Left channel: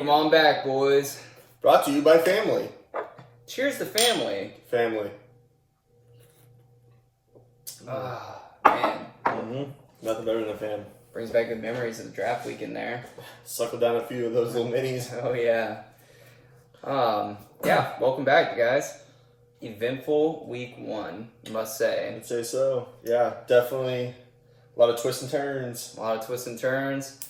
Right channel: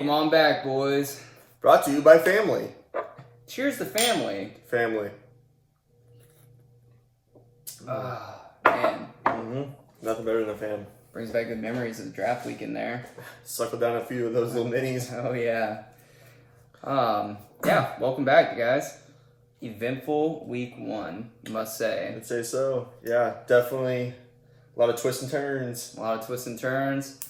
Welcome on back, boys. Brought to you by Family. Cheers to family. Family. Ah, man. Nothing better than a fan. Brings back good memories of the draft weekend there. Suckle down a few of those little minis. Oh, yeah. Yeah, welcome back, guys. Eventful week one, must say. I'd say so. Yeah, definitely a lot of twists and turns. A lot of twists and turns.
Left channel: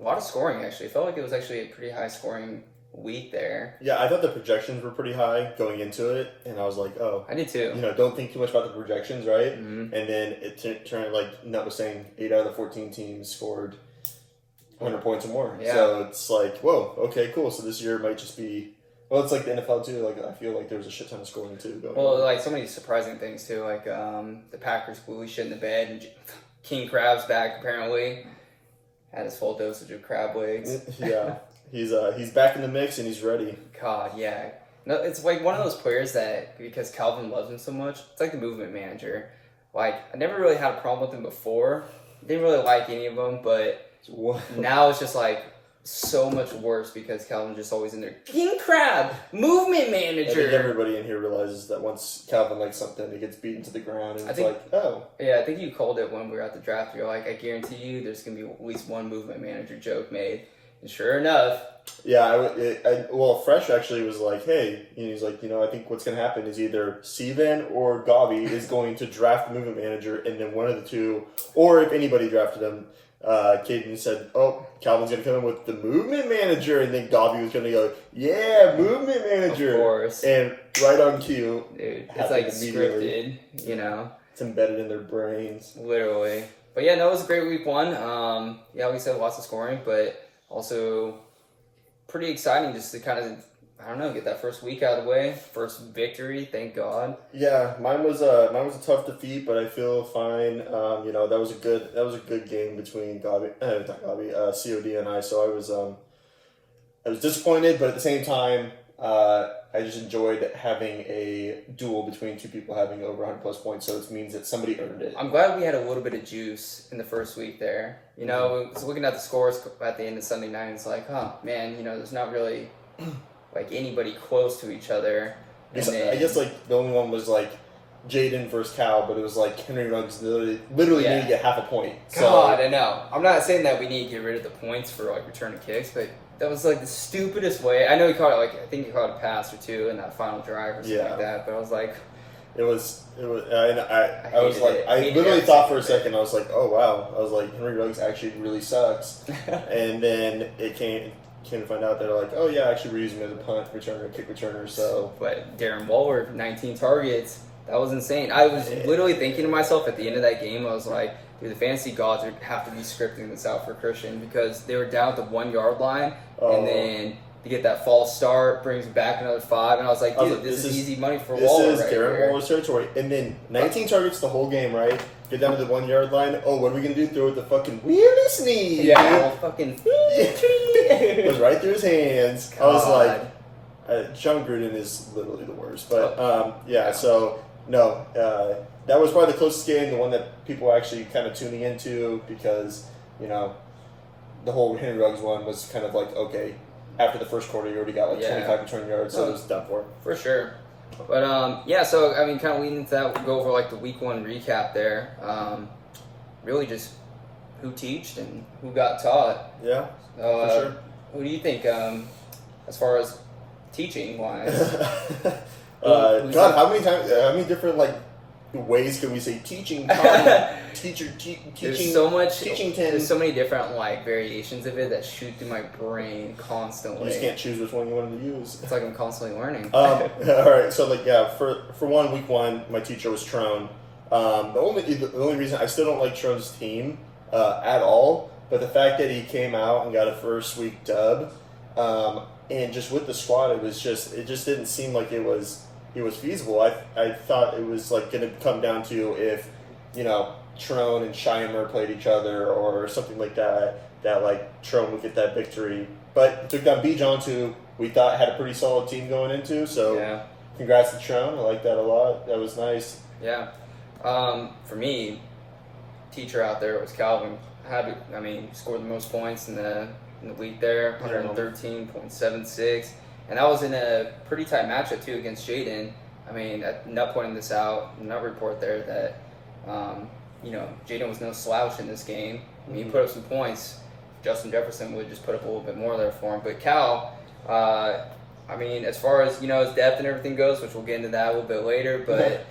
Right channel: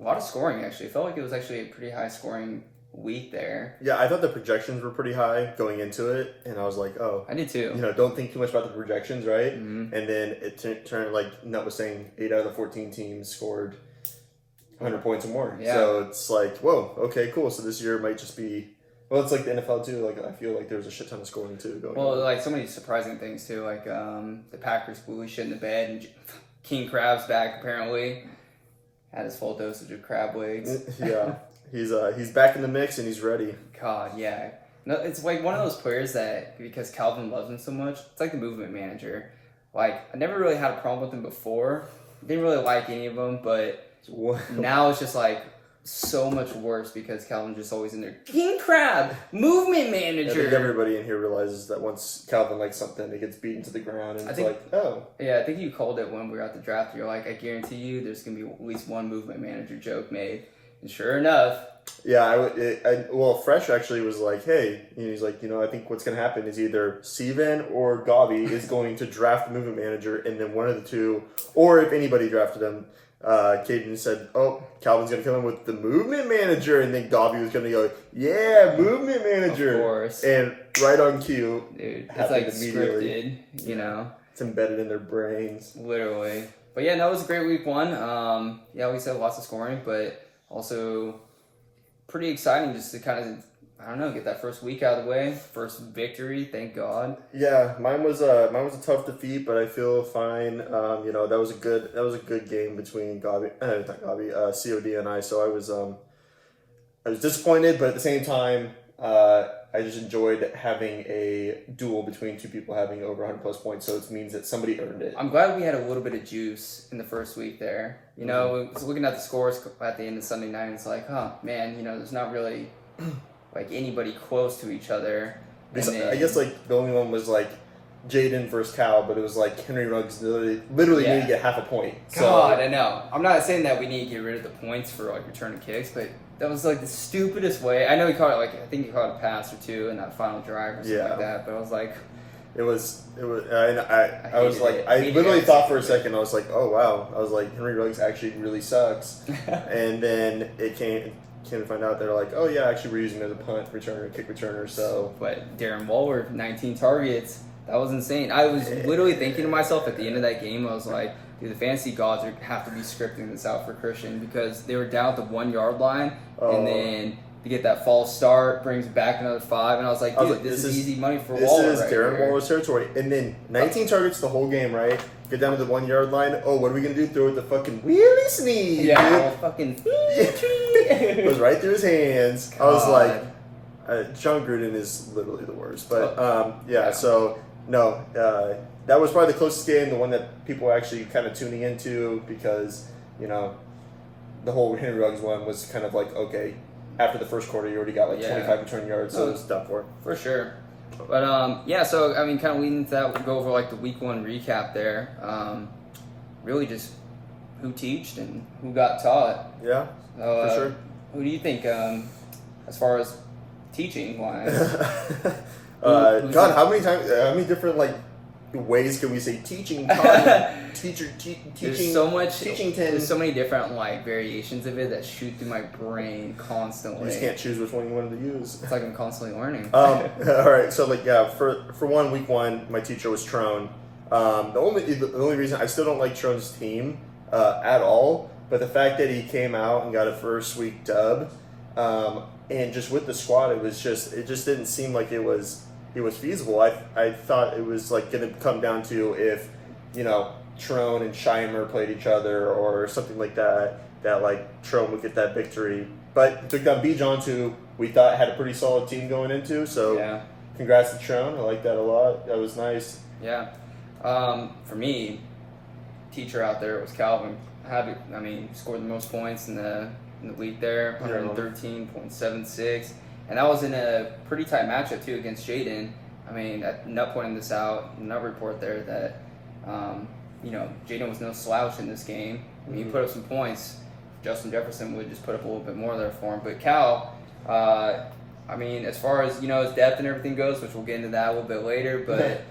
A lot of scoring, actually. It felt like it was actually a pretty high scoring week there. Yeah, I thought the projections were pretty high going into it, and I was like, oh. I did too. Don't think too much about the projections, right? Mm-hmm. And then it turned, like, Nut was saying, 8 out of the 14 teams scored 100 points or more. Yeah. So it's like, whoa, okay, cool. So this year might just be, well, it's like the NFL too. Like, I feel like there was a shit ton of scoring too going on. Like so many surprising things too. Like the Packers blew shit in the bed, and King Crab's back apparently. Had his full dosage of crab legs. Yeah, he's back in the mix and he's ready. God, yeah. No, it's like one of those players that, because Calvin loves him so much, it's like the movement manager. Like, I never really had a problem with him before. Didn't really like any of them, but now it's just like so much worse because Calvin's just always in there. King Crab, movement manager. I think everybody in here realizes that once Calvin likes something, it gets beaten to the ground, and Yeah, I think you called it when we were at the draft. You're like, I guarantee you there's going to be at least one movement manager joke made. And sure enough. Yeah, Fresh actually was like, hey, he's like, I think what's going to happen is either Steven or Gabi is going to draft the movement manager, and then one of the two, or if anybody drafted him, Caden said, oh, Calvin's going to come in with the movement manager, and then Gabi was going to go, yeah, movement manager. Of course. And right on cue. Dude, it's like scripted, It's embedded in their brains. Literally. But yeah, that was a great week one. Yeah, we said lots of scoring, but also pretty exciting just to kind of, get that first week out of the way. First victory, thank God. Yeah, mine was a tough defeat, but I feel fine. That was a good game between COD and I. So I was disappointed, but at the same time, I just enjoyed having a duel between two people having over 100 plus points. So it means that somebody earned it. I'm glad we had a little bit of juice in the first week there. Looking at the scores at the end of Sunday night, it's like, oh man, there's not really like anybody close to each other. I guess like the only one was like Jaden versus Cal, but it was like Henry Ruggs literally need to get half a point. God, I know. I'm not saying that we need to get rid of the points for like return of kicks, but that was like the stupidest way. I know he caught it I think he caught a pass or two in that final drive or something like that, but I was like, I literally thought for a second, I was like, oh wow, I was like, Henry Ruggs actually really sucks. And then it came to find out they're like, oh yeah, actually we're using him as a punt returner, kick returner. So, but Darren Waller, 19 targets, that was insane. I was literally thinking to myself at the end of that game, I was like, dude, the fantasy gods have to be scripting this out for Christian because they were down at the 1 yard line, and then to get that false start brings back another 5, and I was like, dude, this is easy money for Waller. This is Darren Waller's territory. And then 19 targets the whole game, right? Get down to the 1 yard line. Oh, what are we gonna do? Throw it the fucking wheelie sneeze. Yeah, fucking it was right through his hands. God. I was like, John Gruden is literally the worst. But so no, that was probably the closest game, the one that people were actually kind of tuning into because the whole Henry Ruggs one was kind of like, okay, after the first quarter you already got like 25 return yards, so it was done for sure. But so I mean, kind of leading into that, we'll go over like the week one recap there. Really just who teached and who got taught. Yeah, for sure. Who do you think as far as teaching wise? God, how many different like ways can we say teaching? Teaching. There's so much. Teaching. There's so many different like variations of it that shoot through my brain constantly. You just can't choose which one you wanted to use. It's like I'm constantly learning. All right, so for week one, my teacher was Trone. The only reason I still don't like Trone's team at all, but the fact that he came out and got a first week dub, and just with the squad, it just didn't seem like it was feasible. I thought it was like going to come down to if Trone and Scheimer played each other or something like that like Trone would get that victory. But he took down Bijan, who we thought had a pretty solid team going into. So congrats to Trone. I like that a lot. That was nice. Yeah. For me, teacher out there was Calvin. Scored the most points in the in the week there, 113.76. And that was in a pretty tight matchup, too, against Jaden. I mean, Nut pointed this out in Nut report there that, Jaden was no slouch in this game. I mean, he put up some points. Justin Jefferson would just put up a little bit more there for him. But Cal, I mean, as far as, his depth and everything goes, which we'll get into that a little bit later, but,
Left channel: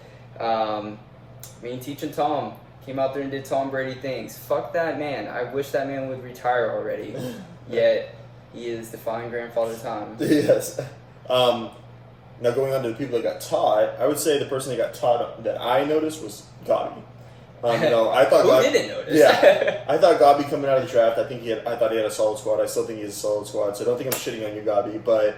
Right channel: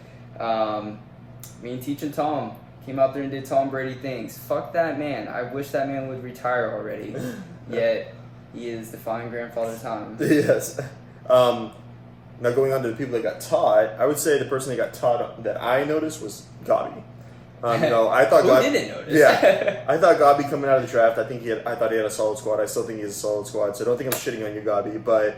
teaching Tom came out there and did Tom Brady things. Fuck that man. I wish that man would retire already. Yet, he is defying grandfather time. Yes. Now going on to the people that got taught, I would say the person that got taught that I noticed was Gabi. I thought Who didn't notice? Yeah, I thought Gabi coming out of the draft. I thought he had a solid squad. I still think he has a solid squad. So I don't think I'm shitting on you, Gabi. But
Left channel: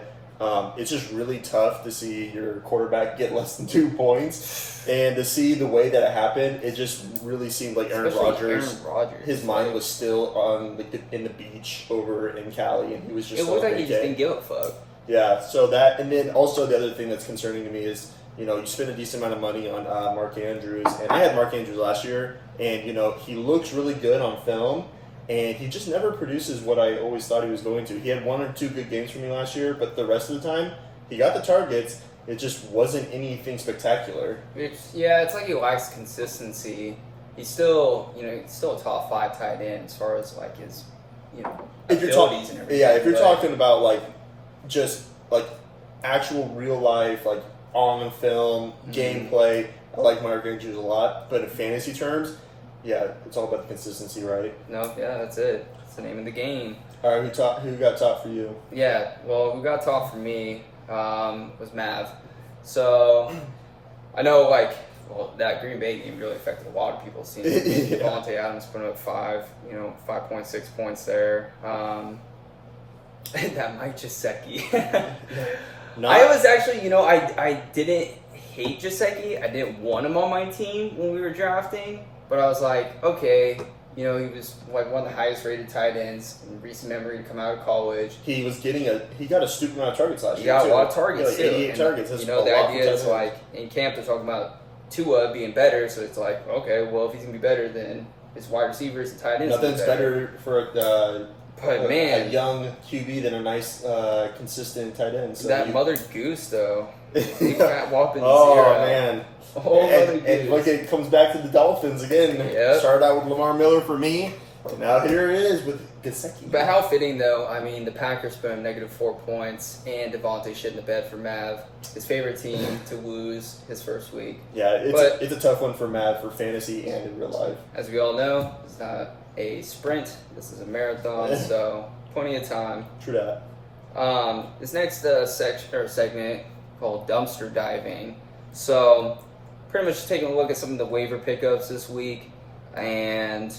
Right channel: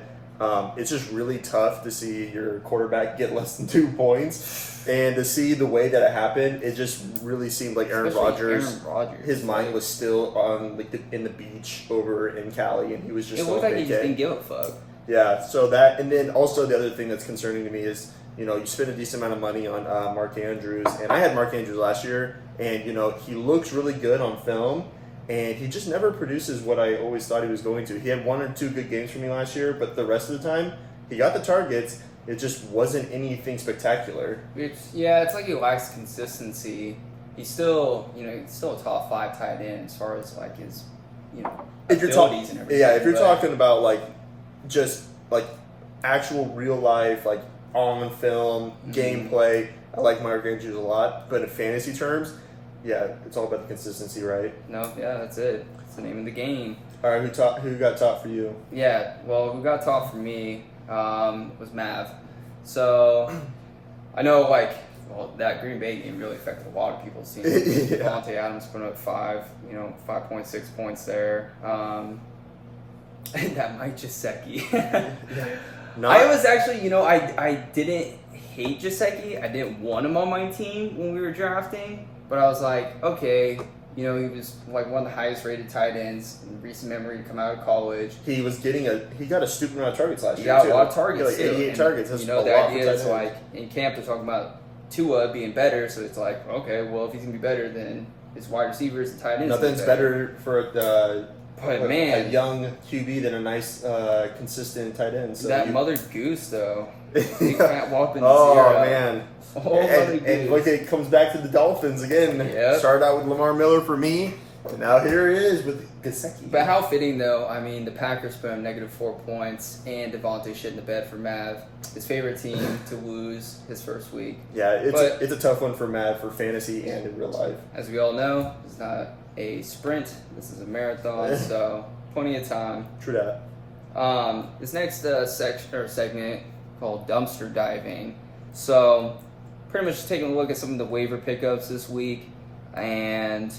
it's just really tough to see your quarterback get less than 2 points, and to see the way that it happened. It just really seemed like Aaron Rodgers. His mind was still on in the beach over in Cali, and he was just. It looked like he just didn't give a fuck. Yeah. So that, and then also the other thing that's concerning to me is. You spend a decent amount of money on Mark Andrews, and I had Mark Andrews last year, and he looks really good on film, and he just never produces what I always thought he was going to. He had 1 or 2 good games for me last year, but the rest of the time, he got the targets. It just wasn't anything spectacular. It's like he lacks consistency. He's still, he's still a top 5 tight end as far as like his, abilities and everything. Yeah, if you're talking about just actual real life on film, gameplay. I like Mark Andrews a lot, but in fantasy terms, yeah, it's all about the consistency, right? No, yeah, that's it. It's the name of the game. All right, who got top for you? Yeah, well, who got top for me was Mav. So, I know, that Green Bay game really affected a lot of people's teams. Devontae Adams put up 5.6 points there. That Mike Gesicki. I was actually, I didn't hate Gesicki. I didn't want him on my team when we were drafting, but I was like, okay, he was one of the highest rated tight ends in recent memory to come out of college. He got a stupid amount of targets last year. He got a lot of targets, too. 88 targets. The idea is in camp they're talking about Tua being better, so it's like, okay, well, if he's going to be better, then his wide receivers and tight ends. Nothing's better for a young QB than a nice, consistent tight end. So that Mother Goose, though. Big fat whopping man. And look, it comes back to the Dolphins again. Yep. Started out with Lamar Miller for me, and now here it is with Gesicki. But how fitting, though. I mean, the Packers put him -4 points, and Devontae shit in the bed for Mav, his favorite team to lose his first week. Yeah, it's a tough one for Mav for fantasy and in real life. As we all know, it's not a sprint. This is a marathon, so plenty of time. True that. This next segment called dumpster diving. So, pretty much taking a look at some of the waiver pickups this week, and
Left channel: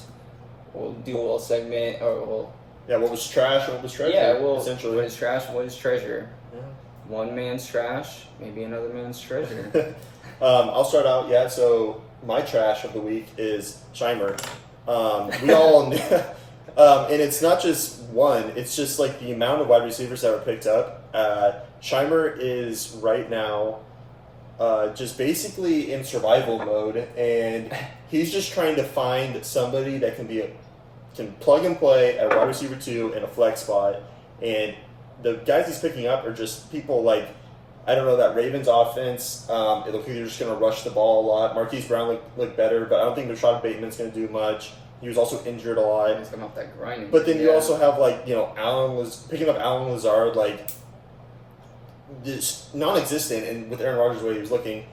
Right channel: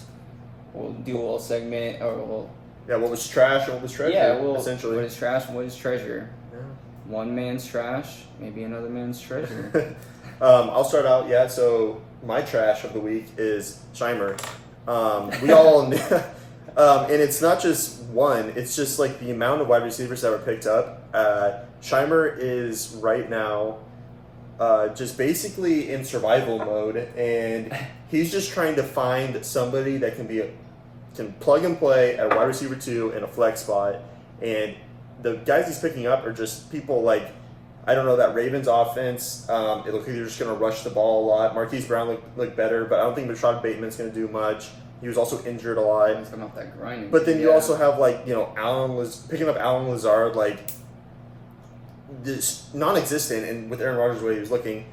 we'll do a little segment, what was trash and what was treasure? Yeah, essentially. What is trash and what is treasure? Yeah. One man's trash, maybe another man's treasure. I'll start out. Yeah, so my trash of the week is Shimer. We all, and it's not just one. It's just the amount of wide receivers that were picked up. Shimer is right now just basically in survival mode, and he's just trying to find somebody that can plug and play at wide receiver 2 in a flex spot. And the guys he's picking up are just people I don't know, that Ravens offense. It looks like they're just going to rush the ball a lot. Marquise Brown looked better, but I don't think Rashad Bateman's going to do much. He was also injured a lot. He's coming off that grinding. But then you also have picking up Alan Lazard this non-existent, and with Aaron Rodgers the way he was looking.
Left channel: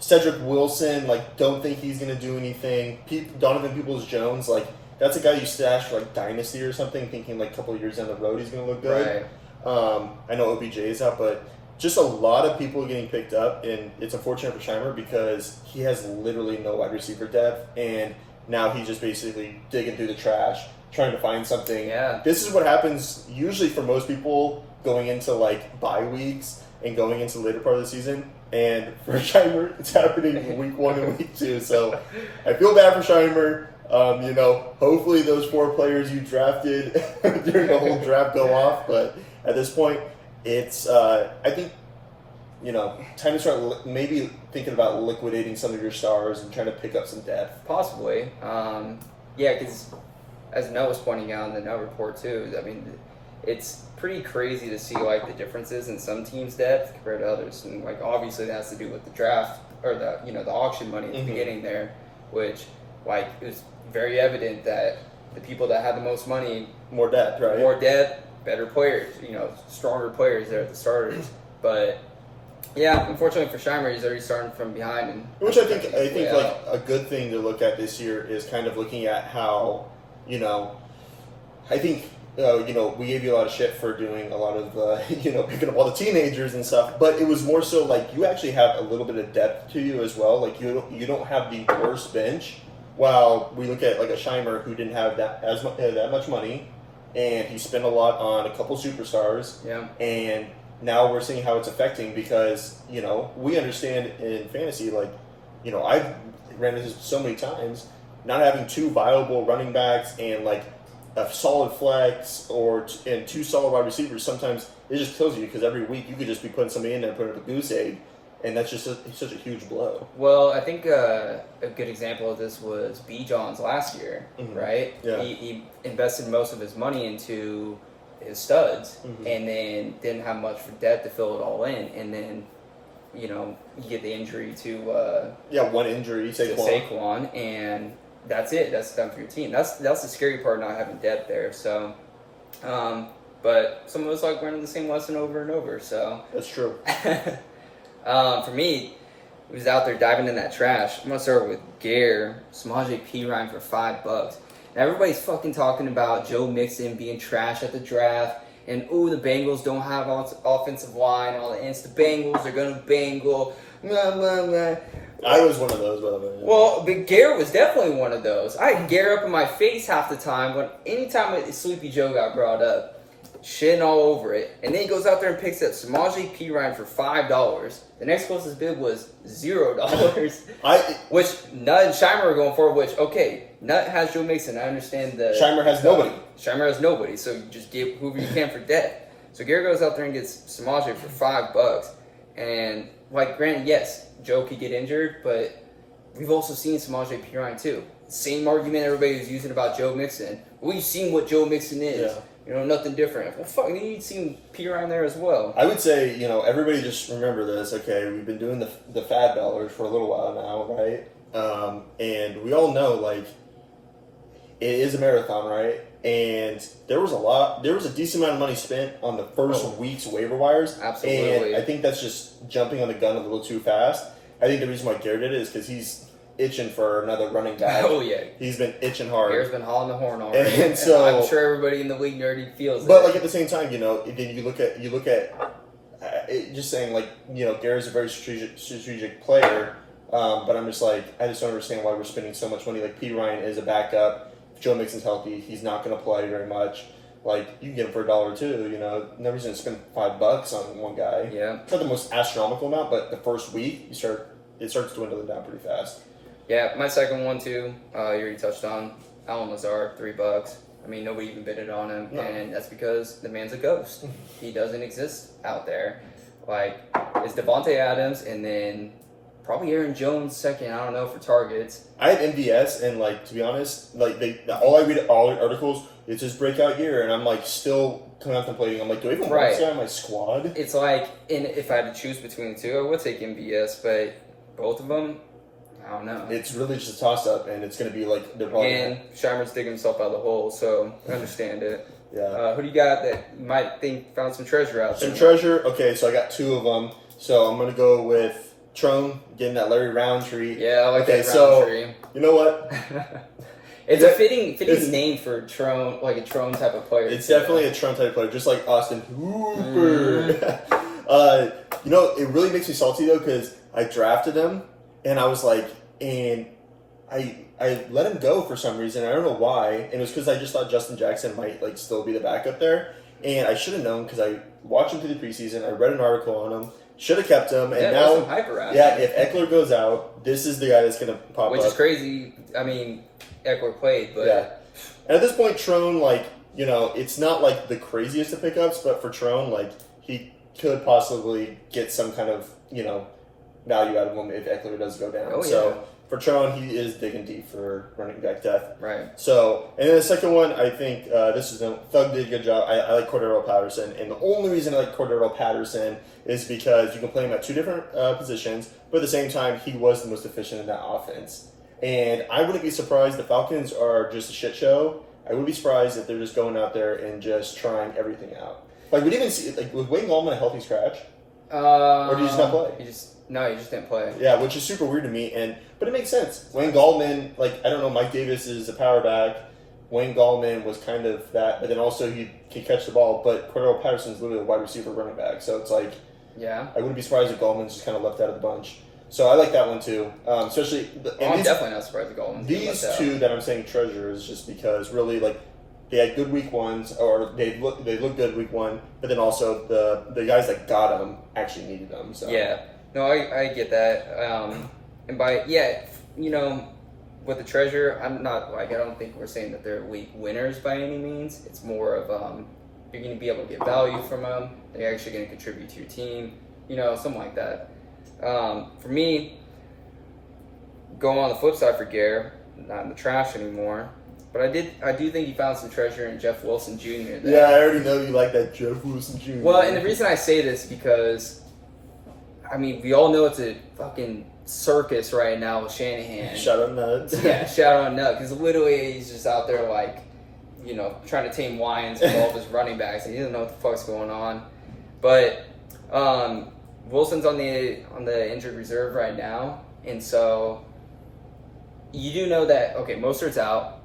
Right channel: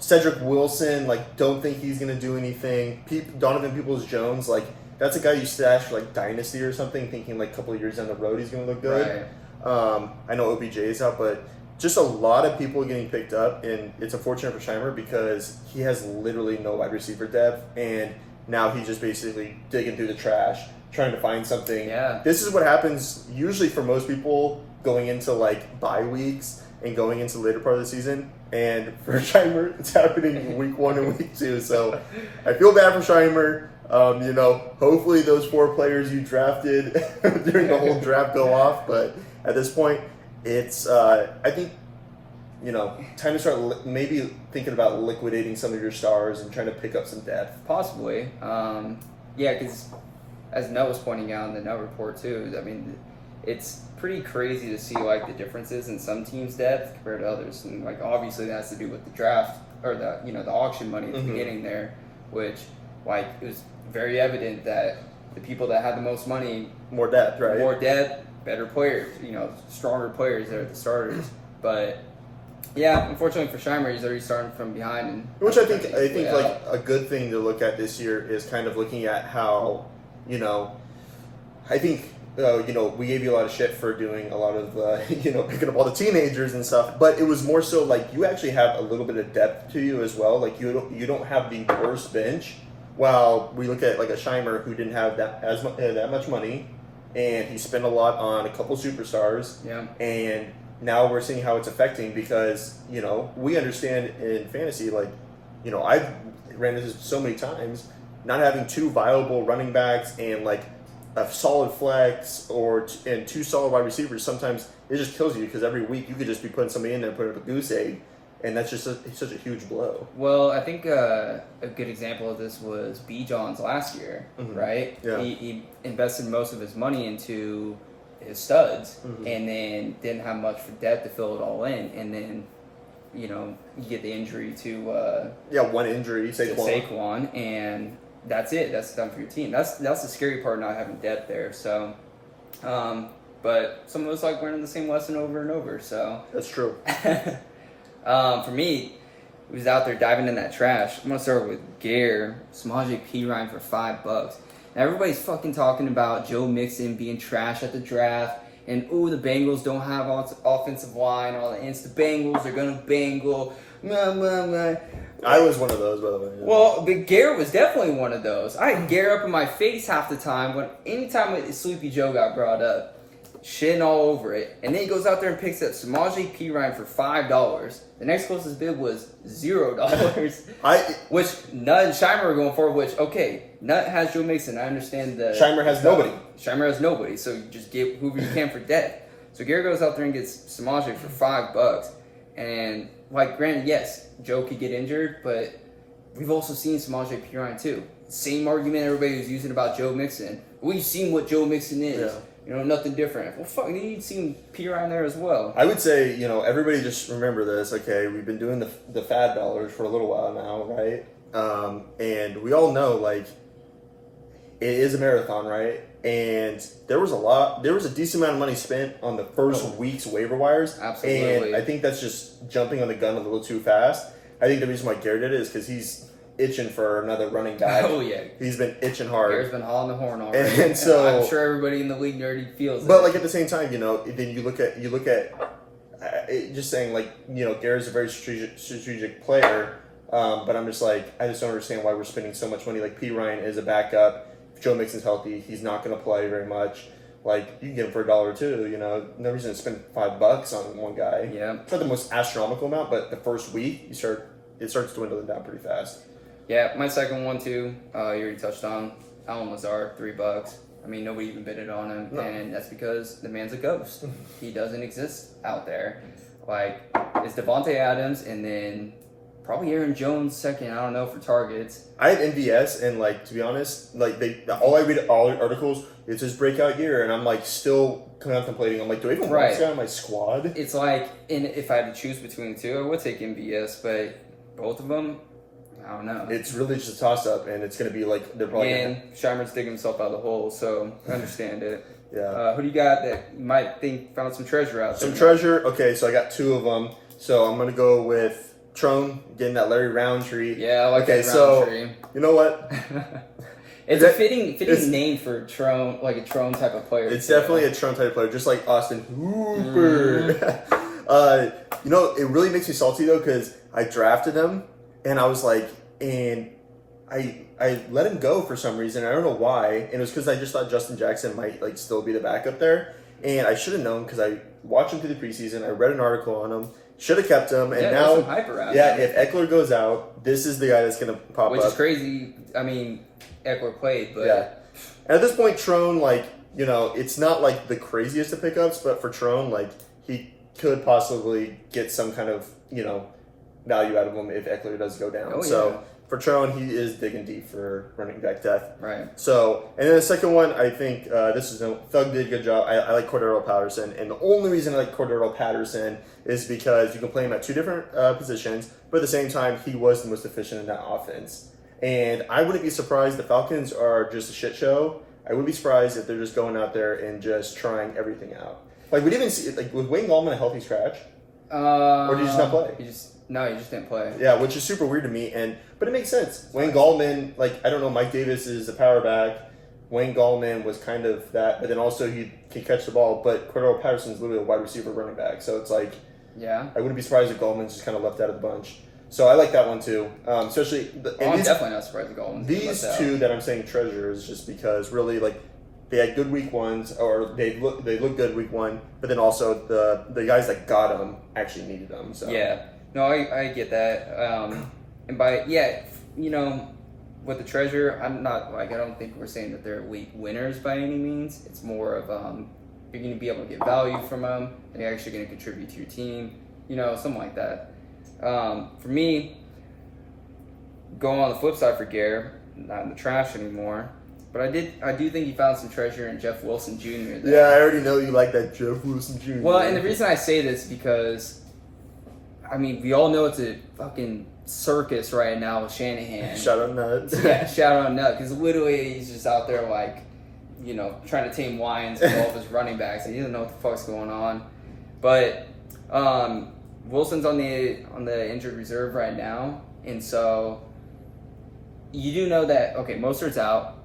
Cedric Wilson, don't think he's going to do anything. Donovan Peoples-Jones, that's a guy you stash for Dynasty or something, thinking a couple of years down the road he's going to look good. Right. I know OBJ is out, but just a lot of people getting picked up, and it's unfortunate for Shimer because he has literally no wide receiver depth, and now he's just basically digging through the trash, trying to find something. Yeah. This is what happens usually for most people going into bye weeks and going into the later part of the season. And for Shimer, it's happening week 1 and week 2. So I feel bad for Shimer. Hopefully those 4 players you drafted during the whole draft go off. But at this point, it's, I think, time to start maybe thinking about liquidating some of your stars and trying to pick up some depth. Possibly. Yeah, because as Noah was pointing out in the Noah report too, I mean, it's pretty crazy to see like the differences in some teams' depth compared to others, and like obviously that has to do with the draft or the the auction money at the beginning there, which like it was very evident that the people that had the most money, more depth, right? more depth, better players, stronger players there at the starters, but. Yeah, unfortunately for Scheimer, he's already starting from behind, and which I think like a good thing to look at this year is kind of looking at how, I think we gave you a lot of shit for doing a lot of picking up all the teenagers and stuff, but it was more so like you actually have a little bit of depth to you as well. Like you don't have the worst bench. While we look at like a Scheimer who didn't have that much money, and he spent a lot on a couple superstars. Yeah, and now we're seeing how it's affecting because, we understand in fantasy, like, I've ran into this so many times, not having two viable running backs and, like, a solid flex and two solid wide receivers, sometimes it just kills you because every week you could just be putting somebody in there and putting up a goose egg, and that's just such a huge blow. Well, I think a good example of this was B. Johns last year, right? Yeah. He invested most of his money into his studs, and then didn't have much for depth to fill it all in, and then you get the injury to one injury, Saquon, and that's it. That's done for your team. That's the scary part, not having depth there. So, but some of us like learning the same lesson over and over. So that's true. For me, he was out there diving in that trash. I'm gonna start with Gare Samaje Perine for $5. Now everybody's fucking talking about Joe Mixon being trash at the draft, and the Bengals don't have offensive line. All the Bengals are gonna bangle. Blah, blah, blah. I was one of those, by the way. Yeah. Well, but Gare was definitely one of those. I had Gare up in my face half the time anytime Sleepy Joe got brought up, shitting all over it, and then he goes out there and picks up Samaje Perine for $5. The next closest bid was $0. Which Nutt and Scheimer are going for. Which Nutt has Joe Mixon. I understand the Scheimer has nobody. Scheimer has nobody. So you just give whoever you can for depth. So Gare goes out there and gets Samaje for $5, and granted, yes, Joe could get injured, but we've also seen Samaje Perine too. Same argument everybody was using about Joe Mixon. We've seen what Joe Mixon is. Yeah. Nothing different. Well, fuck, you'd seen Perine there as well. I would say, everybody just remember this. Okay, we've been doing the fad dollars for a little while now, right? And we all know, it is a marathon, right? And there was a decent amount of money spent on the first week's waiver wires. Absolutely. And I think that's just jumping on the gun a little too fast. I think the reason why Garrett did it is because he's itching for another running back. Oh yeah, he's been itching hard. Gare's been hauling the horn already, and so I'm sure everybody in the league already feels. But at the same time, then you look at just saying Gare's a very strategic player. But I'm just I just don't understand why we're spending so much money. Perine is a backup. If Joe Mixon's healthy, he's not going to play very much. You can get him for $1 or $2. No reason to spend $5 on one guy. Yeah, it's not the most astronomical amount, but the first week it starts dwindling down pretty fast. Yeah, my second one too, you already touched on. Allen Lazard, $3. I mean, nobody even bidded on him, and that's because the man's a ghost. He doesn't exist out there. It's Devontae Adams, and then probably Aaron Jones second. I don't know for targets. I had MVS, and to be honest, all I read all the articles, it's his breakout year, and I'm still contemplating. I'm do I even want this guy on my squad? It's if I had to choose between the two, I would take MVS, but both of them. I don't know. It's really just a toss-up, and it's going to be and Scheimer's digging himself out of the hole, so I understand it. Yeah. Who do you got that you might think found some treasure out there? Some treasure? Okay, so I got two of them. So I'm going to go with Trone, getting that Larry Roundtree. Yeah, I like that Roundtree. You know what? It's a fitting name for Trone, a Trone type of player. It's definitely a Trone type of player, just like Austin Hooper. It really makes me salty, though, because I drafted him, and I was and I let him go for some reason. I don't know why. And it was because I just thought Justin Jackson might still be the backup there. And I should have known because I watched him through the preseason. I read an article on him. Should have kept him. And now, some hype around him. If Eckler goes out, this is the guy that's going to pop up. Which is crazy. I mean, Eckler played, but yeah. And at this point, Trone, it's not the craziest of pickups, but for Trone, he could possibly get some kind of value out of him if Eckler does go down. Oh, so for Trone, he is digging deep for running back depth. Right. So, and then the second one, I think Thug did a good job. I like Cordero Patterson, and the only reason I like Cordero Patterson is because you can play him at two different positions, but at the same time, he was the most efficient in that offense. And I wouldn't be surprised the Falcons are just a shit show. I wouldn't be surprised if they're just going out there and just trying everything out. Like, we didn't even see, like, was Wayne Gallman a healthy scratch? Or did he just not play? He just didn't play. Yeah, which is super weird to me, but it makes sense. Wayne Gallman, like, I don't know, Mike Davis is a power back. Wayne Gallman was kind of that, but then also he can catch the ball. But Cordero Patterson's literally a wide receiver running back, so it's like, yeah, I wouldn't be surprised if Gallman's just kind of left out of the bunch. So I like that one too, especially. I'm definitely not surprised if Gallman's these two that I'm saying treasure is just because really like they had good week ones, or they look good week one, but then also the guys that got them actually needed them. So yeah, no, I get that. And by with the treasure, I'm not like I don't think we're saying that they're elite winners by any means. It's more of you're going to be able to get value from them. They're actually going to contribute to your team, something like that. For me, going on the flip side for Gare, not in the trash anymore. But I do think he found some treasure in Jeff Wilson Jr. There. Yeah, I already know you like that Jeff Wilson Jr. Well, and the reason I say this is because, I mean, we all know it's a fucking circus right now with Shanahan. Shout out Nuts. Yeah, shout out Nut, because literally he's just out there like, trying to tame lions with all of his running backs, and he doesn't know what the fuck's going on. But Wilson's on the injured reserve right now, and so you do know that Mostert's out.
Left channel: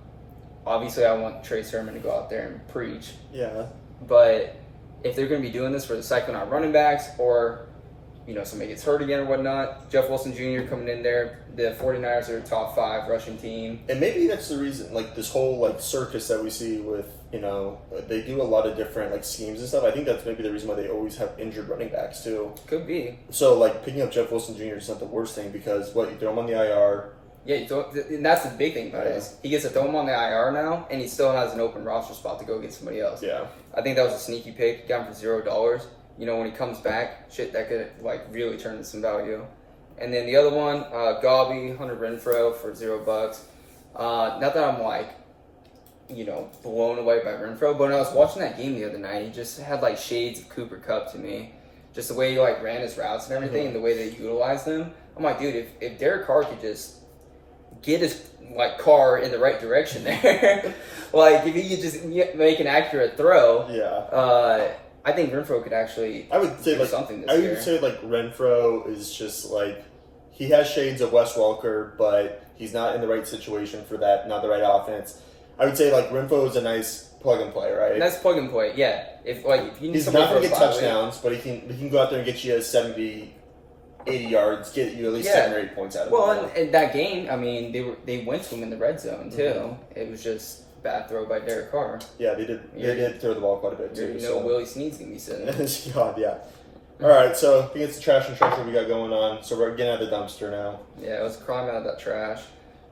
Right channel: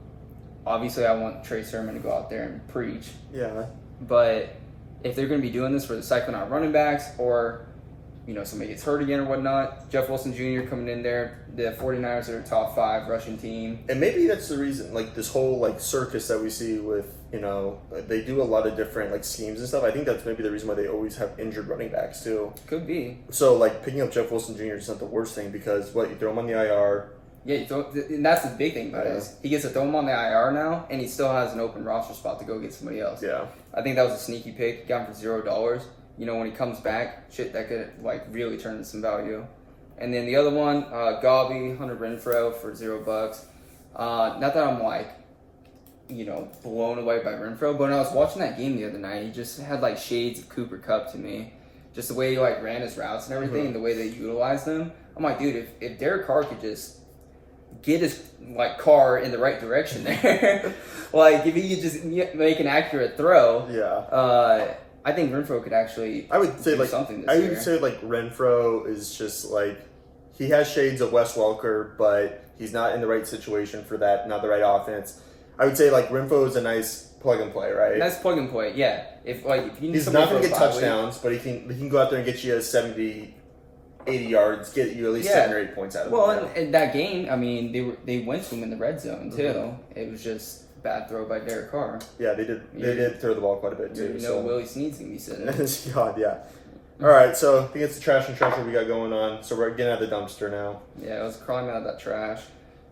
Obviously, I want Trey Sermon to go out there and preach. Yeah. But if they're going to be doing this for the cycling out running backs, or somebody gets hurt again or whatnot, Jeff Wilson Jr. coming in there, the 49ers are a top 5 rushing team. And maybe that's the reason, like, this whole, like, circus that we see with, they do a lot of different, like, schemes and stuff. I think that's maybe the reason why they always have injured running backs, too. Could be. So, like, picking up Jeff Wilson Jr. is not the worst thing because, you throw him on the IR. Yeah, and that's the big thing about it is he gets to throw him on the IR now, and he still has an open roster spot to go get somebody else. Yeah. I think that was a sneaky pick. Got him for $0. When he comes back, that could, like, really turn into some value. And then the other one, Gabi, Hunter Renfrow for $0. Not that I'm, like, blown away by Renfrow, but when I was watching that game the other night, he just had, like, shades of Cooper Kupp to me. Just the way he, like, ran his routes and everything, and the way they utilized them. I'm like, dude, if Derek Carr could just get his car in the right direction there, like if he could just make an accurate throw, I think Renfrow could actually do something this year. I would say like Renfrow is just like he has shades of Wes Welker, but he's not in the right situation for that, not the right offense. I would say like Renfrow is a nice plug and play, right? Nice plug and play, yeah. If you need he's not going to get touchdowns, but he can go out there and get you 70. 80 yards, get you at least 7 or 8 points out of it. Well, in that game, I mean, they went to him in the red zone, too. Mm-hmm. It was just bad throw by Derek Carr. Yeah, they did. They did throw the ball quite a bit, too. Willie Snead's going to be sitting. God, yeah. All right, so I think it's the trash and treasure we got going on. So we're getting out of the dumpster now. Yeah, let's climb out of that trash.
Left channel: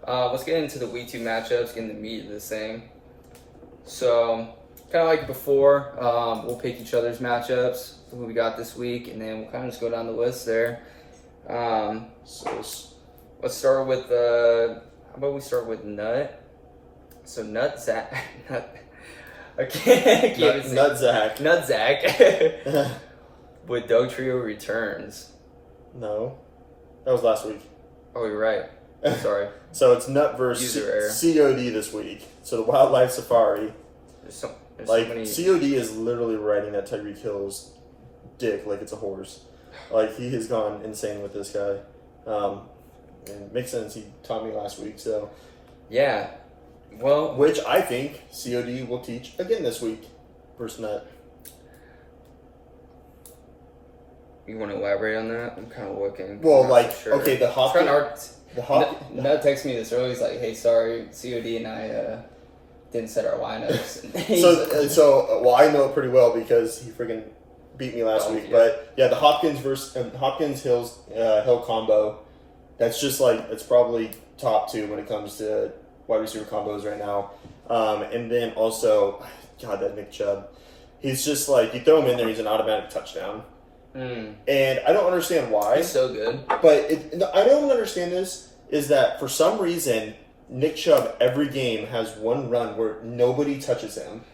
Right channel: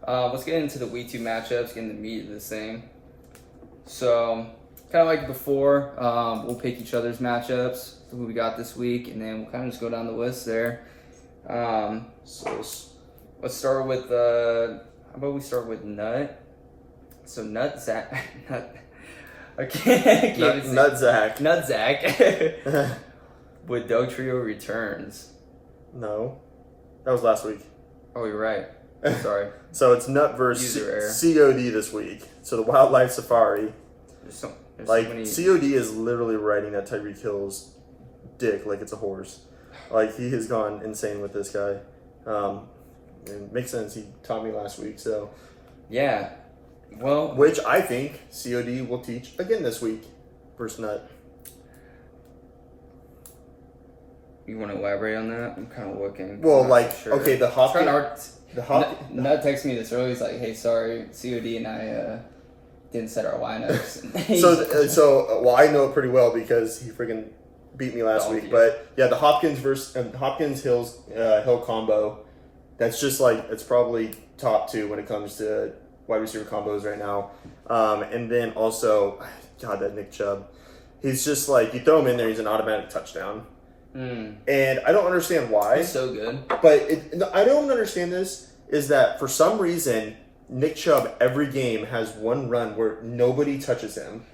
Let's get into the Week 2 matchups, getting the meat of this thing. So, kind of like before, we'll pick each other's matchups, who we got this week, and then we'll kind of just go down the list there. So let's start with how about we start with Nut? So Nut Zach. Nut Zach. With Doug Trio returns. No, that was last week. Oh, you're right. I'm sorry. So it's Nut versus COD this week. So the Wildlife Safari. There's COD is literally riding that Tyreek Hill's dick like it's a horse. Like, he has gone insane with this guy. And it makes sense. He taught me last week, so. Yeah. Well. Which I think COD will teach again this week versus Nut. You want to elaborate on that? I'm kind of looking. Well, okay, the Hopkins. Nut texted me this early. He's like, hey, sorry, COD and I didn't set our lineups. So I know it pretty well because he freaking beat me last week. But yeah, the Hopkins Hill combo, that's just like, it's probably top 2 when it comes to wide receiver combos right now. And then also, God, that Nick Chubb, he's just like, you throw him in there, he's an automatic touchdown. And I don't understand why. He's so good. But I don't understand this. is that for some reason Nick Chubb every game has one run where nobody touches him.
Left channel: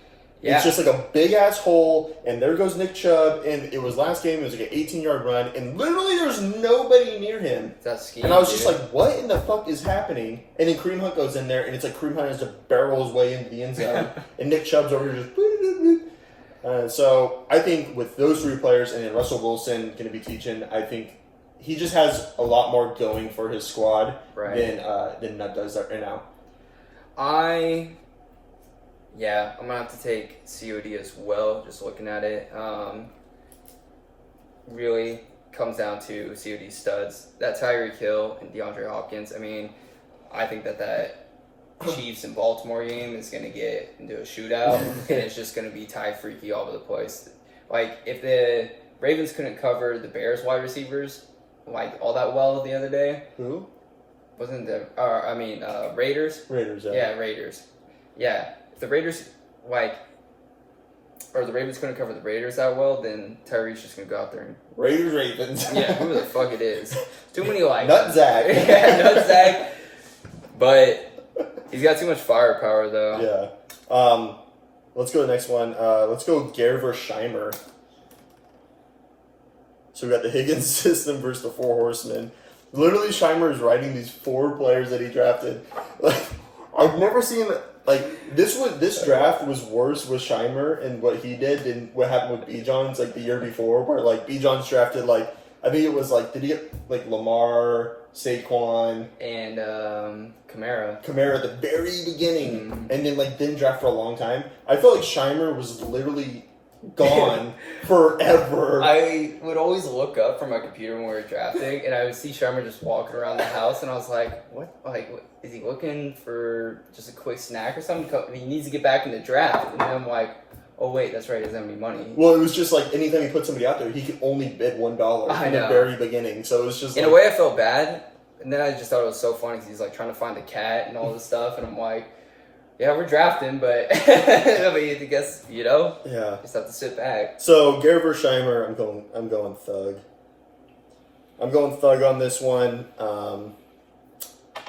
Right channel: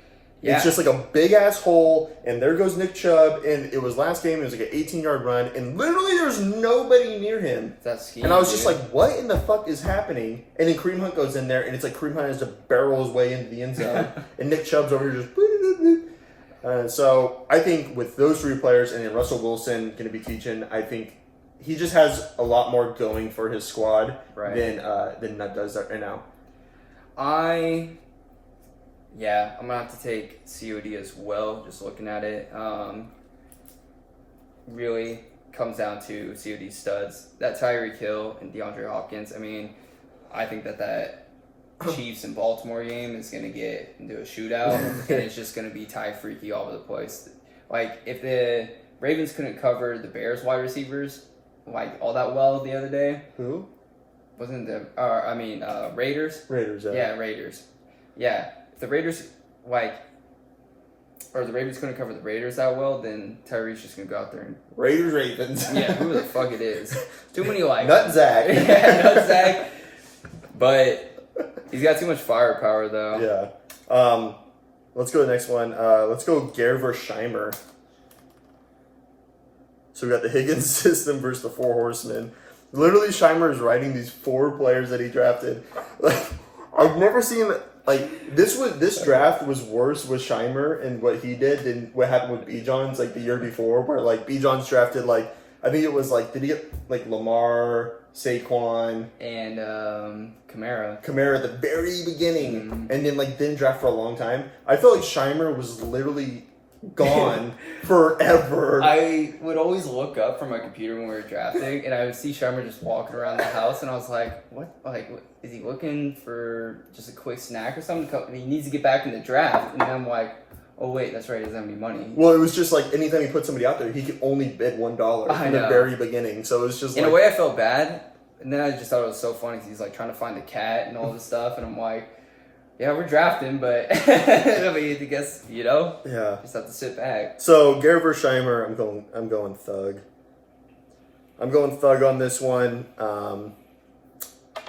Yeah. It's just like a big ass hole, and there goes Nick Chubb. And it was last game; it was like an 18-yard run, and literally there's nobody near him. That's scheme, and I was just like, "What in the fuck is happening?" And then Kareem Hunt goes in there, and it's like Kareem Hunt has to barrel his way into the end zone, and Nick Chubb's over here just. So I think with those three players, and then Russell Wilson going to be teaching, I think he just has a lot more going for his squad than Nutt does right now. I'm gonna have to take COD as well. Just looking at it, really comes down to COD studs. That Tyreek Hill and DeAndre Hopkins. I mean, I think that Chiefs and Baltimore game is gonna get into a shootout, and it's just gonna be Ty freaky all over the place. Like if the Ravens couldn't cover the Bears wide receivers like all that well the other day. Who? Wasn't the Raiders? Raiders, yeah. Yeah, Raiders. Yeah. If the Raiders or the Ravens couldn't cover the Raiders that well, then Tyreek's just gonna go out there and Ravens. yeah, who the fuck it is? Too many Nut Zach. Yeah, Nut Zach. But he's got too much firepower though. Yeah. Let's go to the next one. Let's go Gare versus Scheimer. So we got the Higgins system versus the Four Horsemen. Literally, Scheimer is writing these 4 players that he drafted. Like, I've never seen this draft was worse with Scheimer and what he did than what happened with B-Johns like the year before, where like B-Johns drafted like I think it was like did he get like Lamar, Saquon, and Kamara at the very beginning, and then like didn't draft for a long time. I felt like Scheimer was literally gone forever. I would always look up from my computer when we were drafting, and I would see Scheimer just walking around the house, and I was like, "What? Like, is he looking for just a quick snack or something? He needs to get back in the draft." And then I'm like, "Oh wait, that's right. He doesn't have any money." Well, it was just like anytime he put somebody out there, he could only bid $1 in the very beginning. So it was just in a way, I felt bad, and then I just thought it was so funny because he's like trying to find a cat and all this stuff, and I'm like. Yeah, we're drafting, but I mean, I guess just have to sit back. So Gare versus Scheimer, I'm going Thug. I'm going Thug on this one.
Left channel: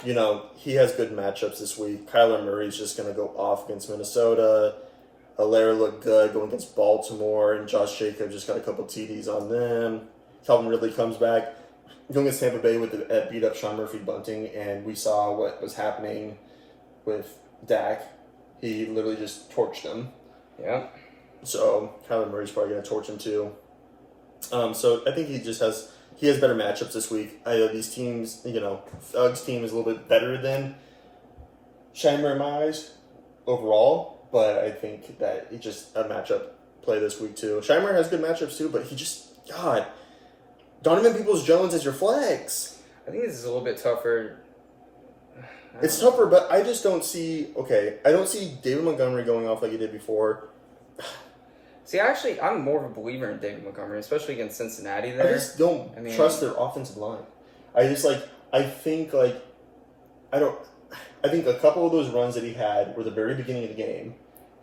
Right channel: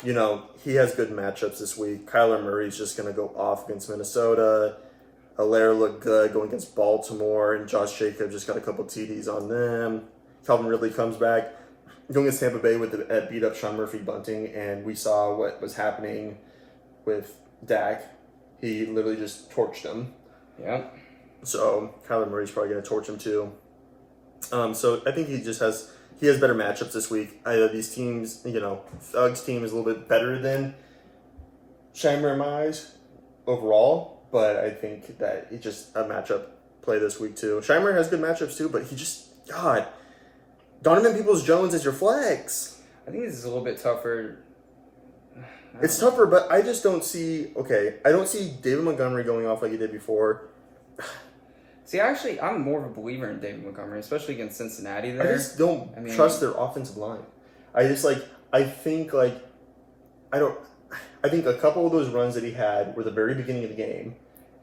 He has good matchups this week. Kyler Murray's just gonna go off against Minnesota. Allaire looked good going against Baltimore, and Josh Jacobs just got a couple TDs on them. Calvin Ridley comes back going against Tampa Bay with the beat up Sean Murphy bunting, and we saw what was happening with Dak. He literally just torched him. Yeah. So Kyler Murray's probably going to torch him too. So I think he has better matchups this week. These teams, Thug's team is a little bit better than Scheimer in my eyes overall, but I think that it's just a matchup play this week too. Scheimer has good matchups too, but Donovan Peoples-Jones is your flex. I think this is a little bit tougher. It's tougher, but I just don't see. Okay, I don't see David Montgomery going off like he did before. See, actually, I'm more of a believer in David Montgomery, especially against Cincinnati. There, I just don't trust their offensive line. I think a couple of those runs that he had were the very beginning of the game,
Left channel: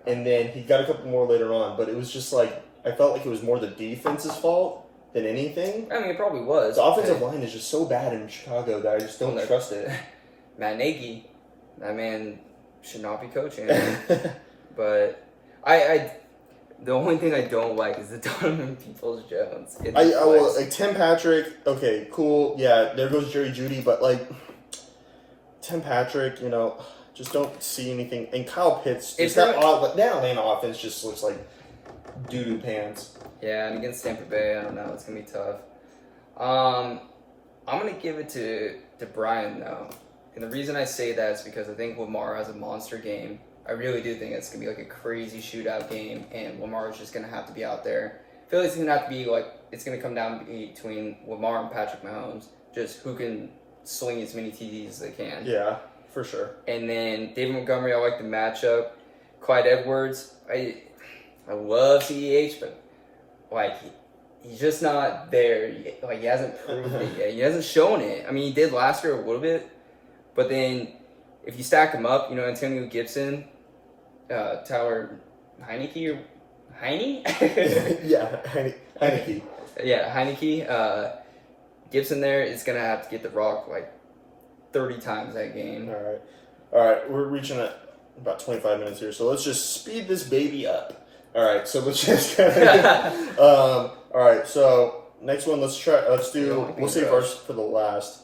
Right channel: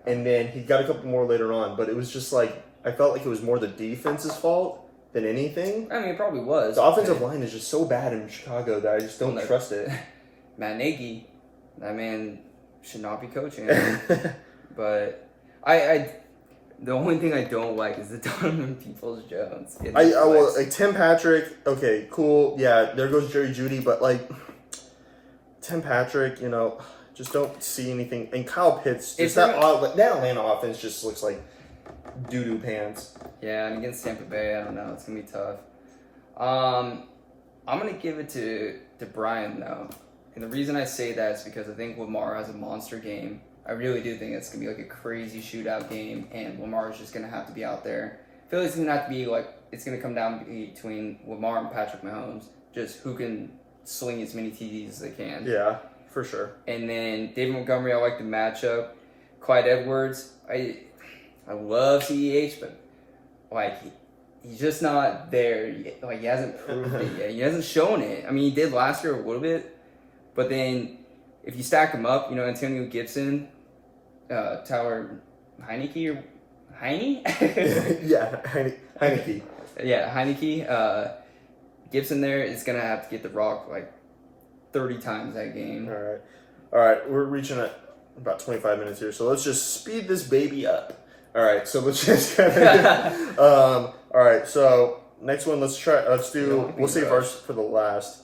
and then he got a couple more later on. But it was just like I felt like it was more the defense's fault than anything. I mean, it probably was. The offensive line is just so bad in Chicago that I just don't trust it. Matt Nagy, that man should not be coaching. But the only thing I don't like is the Donovan Peoples-Jones. Tim Patrick. Okay, cool. Yeah, there goes Jerry Jeudy, but Tim Patrick, just don't see anything. And Kyle Pitts, that Atlanta offense just looks like doo-doo pants. Yeah, and against Tampa Bay, I don't know. It's gonna be tough. I'm gonna give it to Brian though. And the reason I say that is because I think Lamar has a monster game. I really do think it's going to be like a crazy shootout game, and Lamar is just going to have to be out there. I feel like it's going to have to be it's going to come down between Lamar and Patrick Mahomes, just who can sling as many TDs as they can. Yeah, for sure. And then David Montgomery, I like the matchup. Clyde Edwards, I love CEH, but he's just not there. He hasn't proved it yet. He hasn't shown it. I mean, he did last year a little bit. But then, if you stack them up, Antonio Gibson, Tyler Heineke or Heine? Yeah, 30 times that game. All right. We're reaching at about 25 minutes here, so let's just speed this baby up. All right, so let's just all right, so next one, let's do. We'll save ours for the last.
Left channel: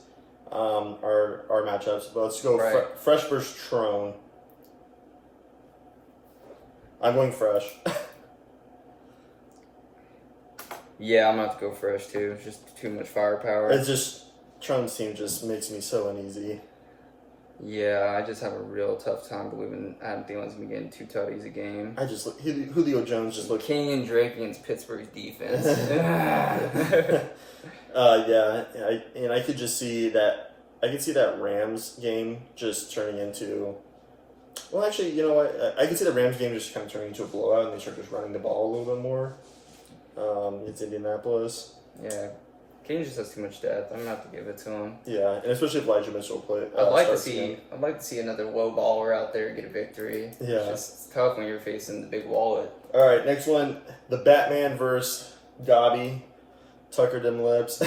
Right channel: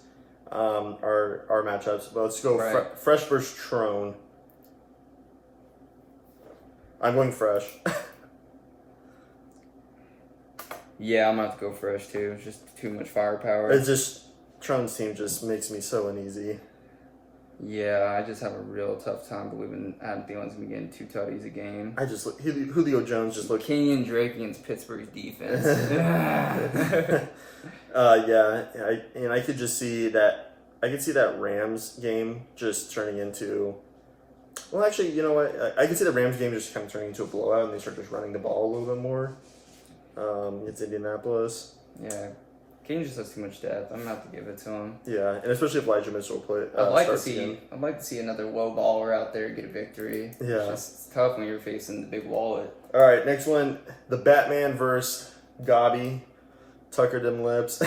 Our matchups, but let's go Fresh versus Trone. I'm going Fresh. Yeah, I'm gonna have to go Fresh too. It's just too much firepower. It's just Trone's team just makes me so uneasy. Yeah, I just have a real tough time believing Adam Thielen's gonna be getting 2 tutties a game. I just Julio Jones just looked Kenyon Drake against Pittsburgh's defense. I could just see that. I could see that Rams game just turning into. Well, actually, you know what? I could see the Rams game just kind of turning into a blowout, and they start just running the ball a little bit more. It's Indianapolis. Yeah, Kenyon just has too much depth. I'm gonna have to give it to him. Yeah, and especially if Elijah Mitchell play. I'd like to see another low baller out there get a victory. Yeah, it's tough when you're facing the big wallet. All right, next one: the Batman versus Gabi. Tucker them lips.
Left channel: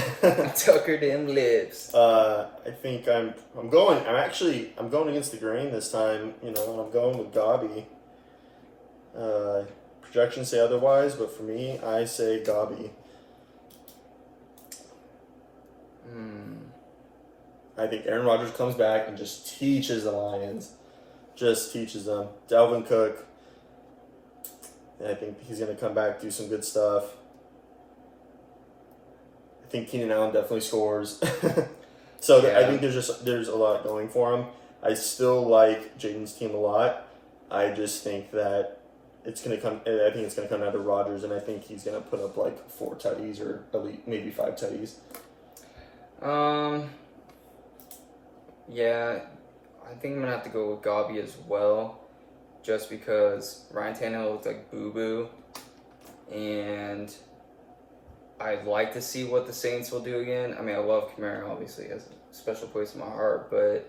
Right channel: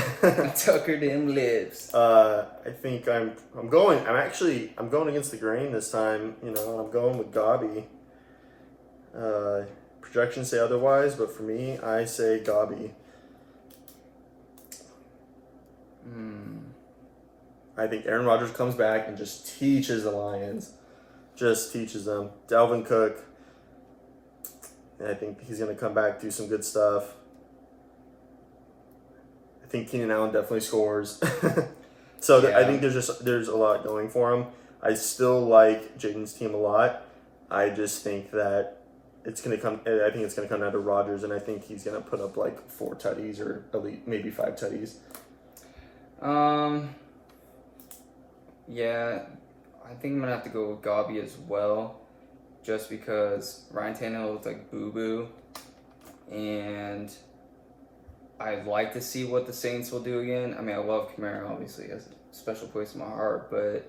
Tucker them lips. I think I'm going against the grain this time. You know, I'm going with Gabi. Projections say otherwise, but for me, I say Gabi. I think Aaron Rodgers comes back and just teaches the Lions. Just teaches them. Dalvin Cook. I think he's going to come back, do some good stuff. I think Keenan Allen definitely scores. I think there's a lot going for him. I still like Jaden's team a lot. I just think that it's gonna come down to Rodgers, and I think he's gonna put up like 4 tutties or at least maybe 5 tutties. Yeah, I think I'm gonna have to go with Gabi as well, just because Ryan Tannehill looks like boo boo, and I'd like to see what the Saints will do again. I mean, I love Kamara, obviously, has a special place in my heart, but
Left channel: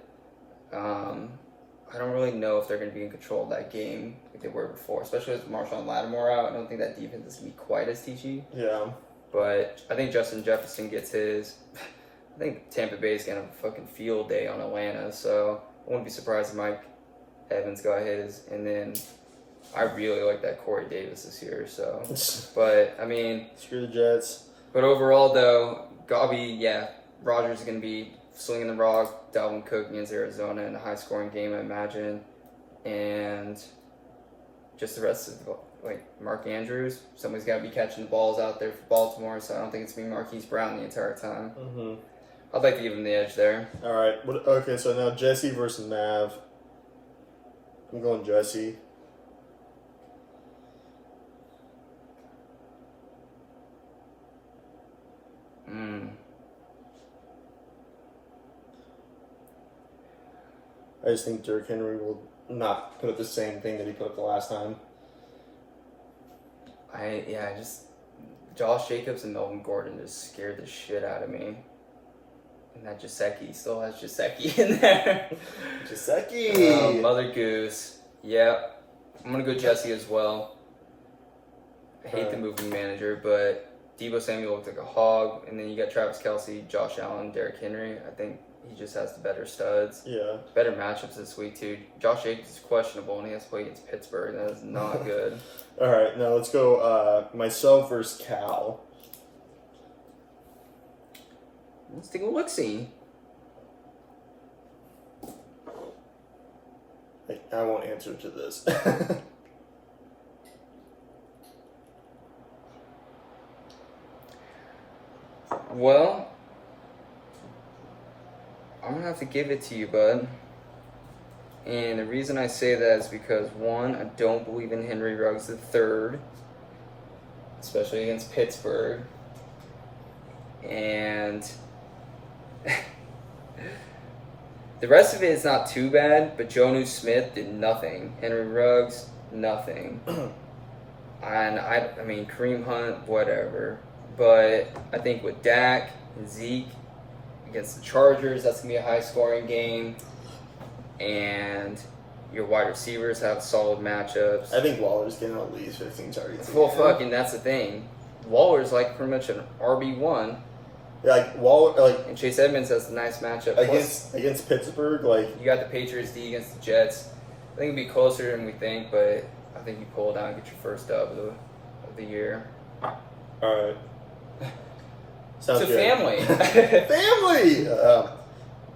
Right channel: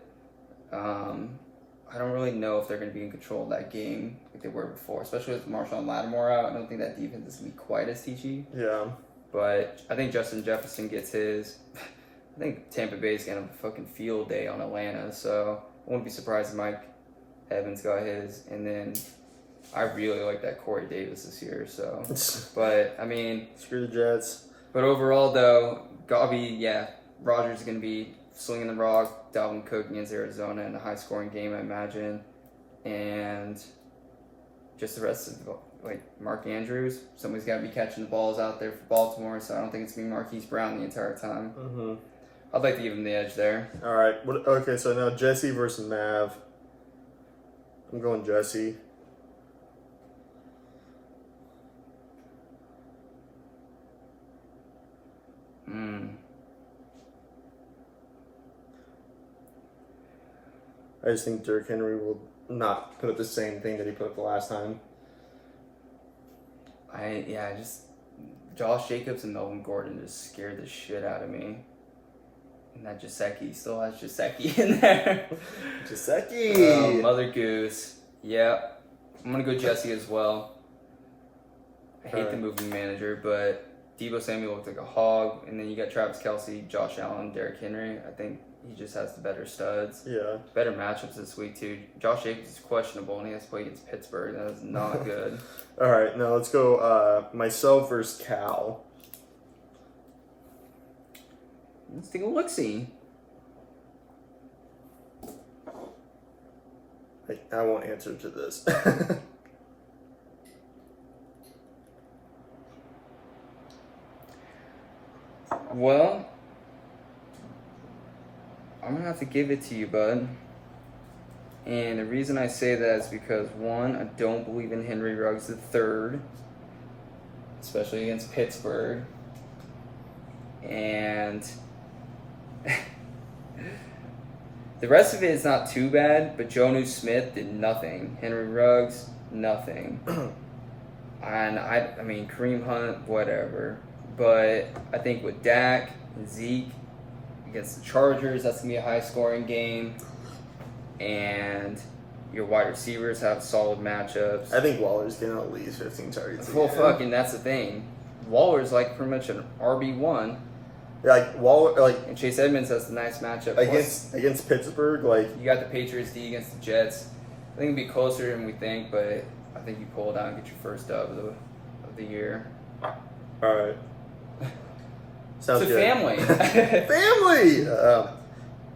I don't really know if they're going to be in control of that game like they were before, especially with Marshawn Lattimore out. I don't think that defense is going to be quite as teachy. Yeah. But I think Justin Jefferson gets his. I think Tampa Bay's going to have a fucking field day on Atlanta, so I wouldn't be surprised if Mike Evans got his. And then I really like that Corey Davis this year, so. But, I mean. Screw the Jets. But overall, though, Gabi, Rodgers is going to be slinging the rock, Dalvin Cook against Arizona in a high-scoring game, I imagine. And just the rest of, Mark Andrews. Somebody's got to be catching the balls out there for Baltimore, so I don't think it's going to be Marquise Brown the entire time. Mm-hmm. I'd like to give him the edge there. All right. Okay, so now Jesse versus Mav. I'm going Jesse. I just think Derrick Henry will not put up the same thing that he put up the last time. Josh Jacobs and Melvin Gordon just scared the shit out of me. And that Gesicki still has Gesicki in there. Gesicki! Mother Goose. Yeah. I'm going to go Jesse as well. I hate the moving manager, but Deebo Samuel looked like a hog. And then you got Travis Kelce, Josh Allen, Derrick Henry. I think he just has the better studs. Yeah. Better matchups this week, too. Josh Jacobs is questionable, and he has to play against Pittsburgh. That was not good. All right, now let's go myself versus Cal. Let's take a look-see. I won't answer to this. Well, I'm going to have to give it to you, bud. And the reason I say that is because, one, I don't believe in Henry Ruggs III, especially against Pittsburgh. And the rest of it is not too bad, but Jonnu Smith did nothing. Henry Ruggs, nothing. And I mean, Kareem Hunt, whatever. But I think with Dak and Zeke against the Chargers, that's going to be a high-scoring game. And your wide receivers have solid matchups. I think Waller's getting at least 15 targets. Well, fucking, that's the thing. Waller's like pretty much an RB1. Like Waller, like And Chase Edmonds has a nice matchup. Plus, against Pittsburgh, like you got the Patriots D against the Jets. I think it'd be closer than we think, but I think you pull it out and get your first dub of the year. all right. Sounds It's a good. family.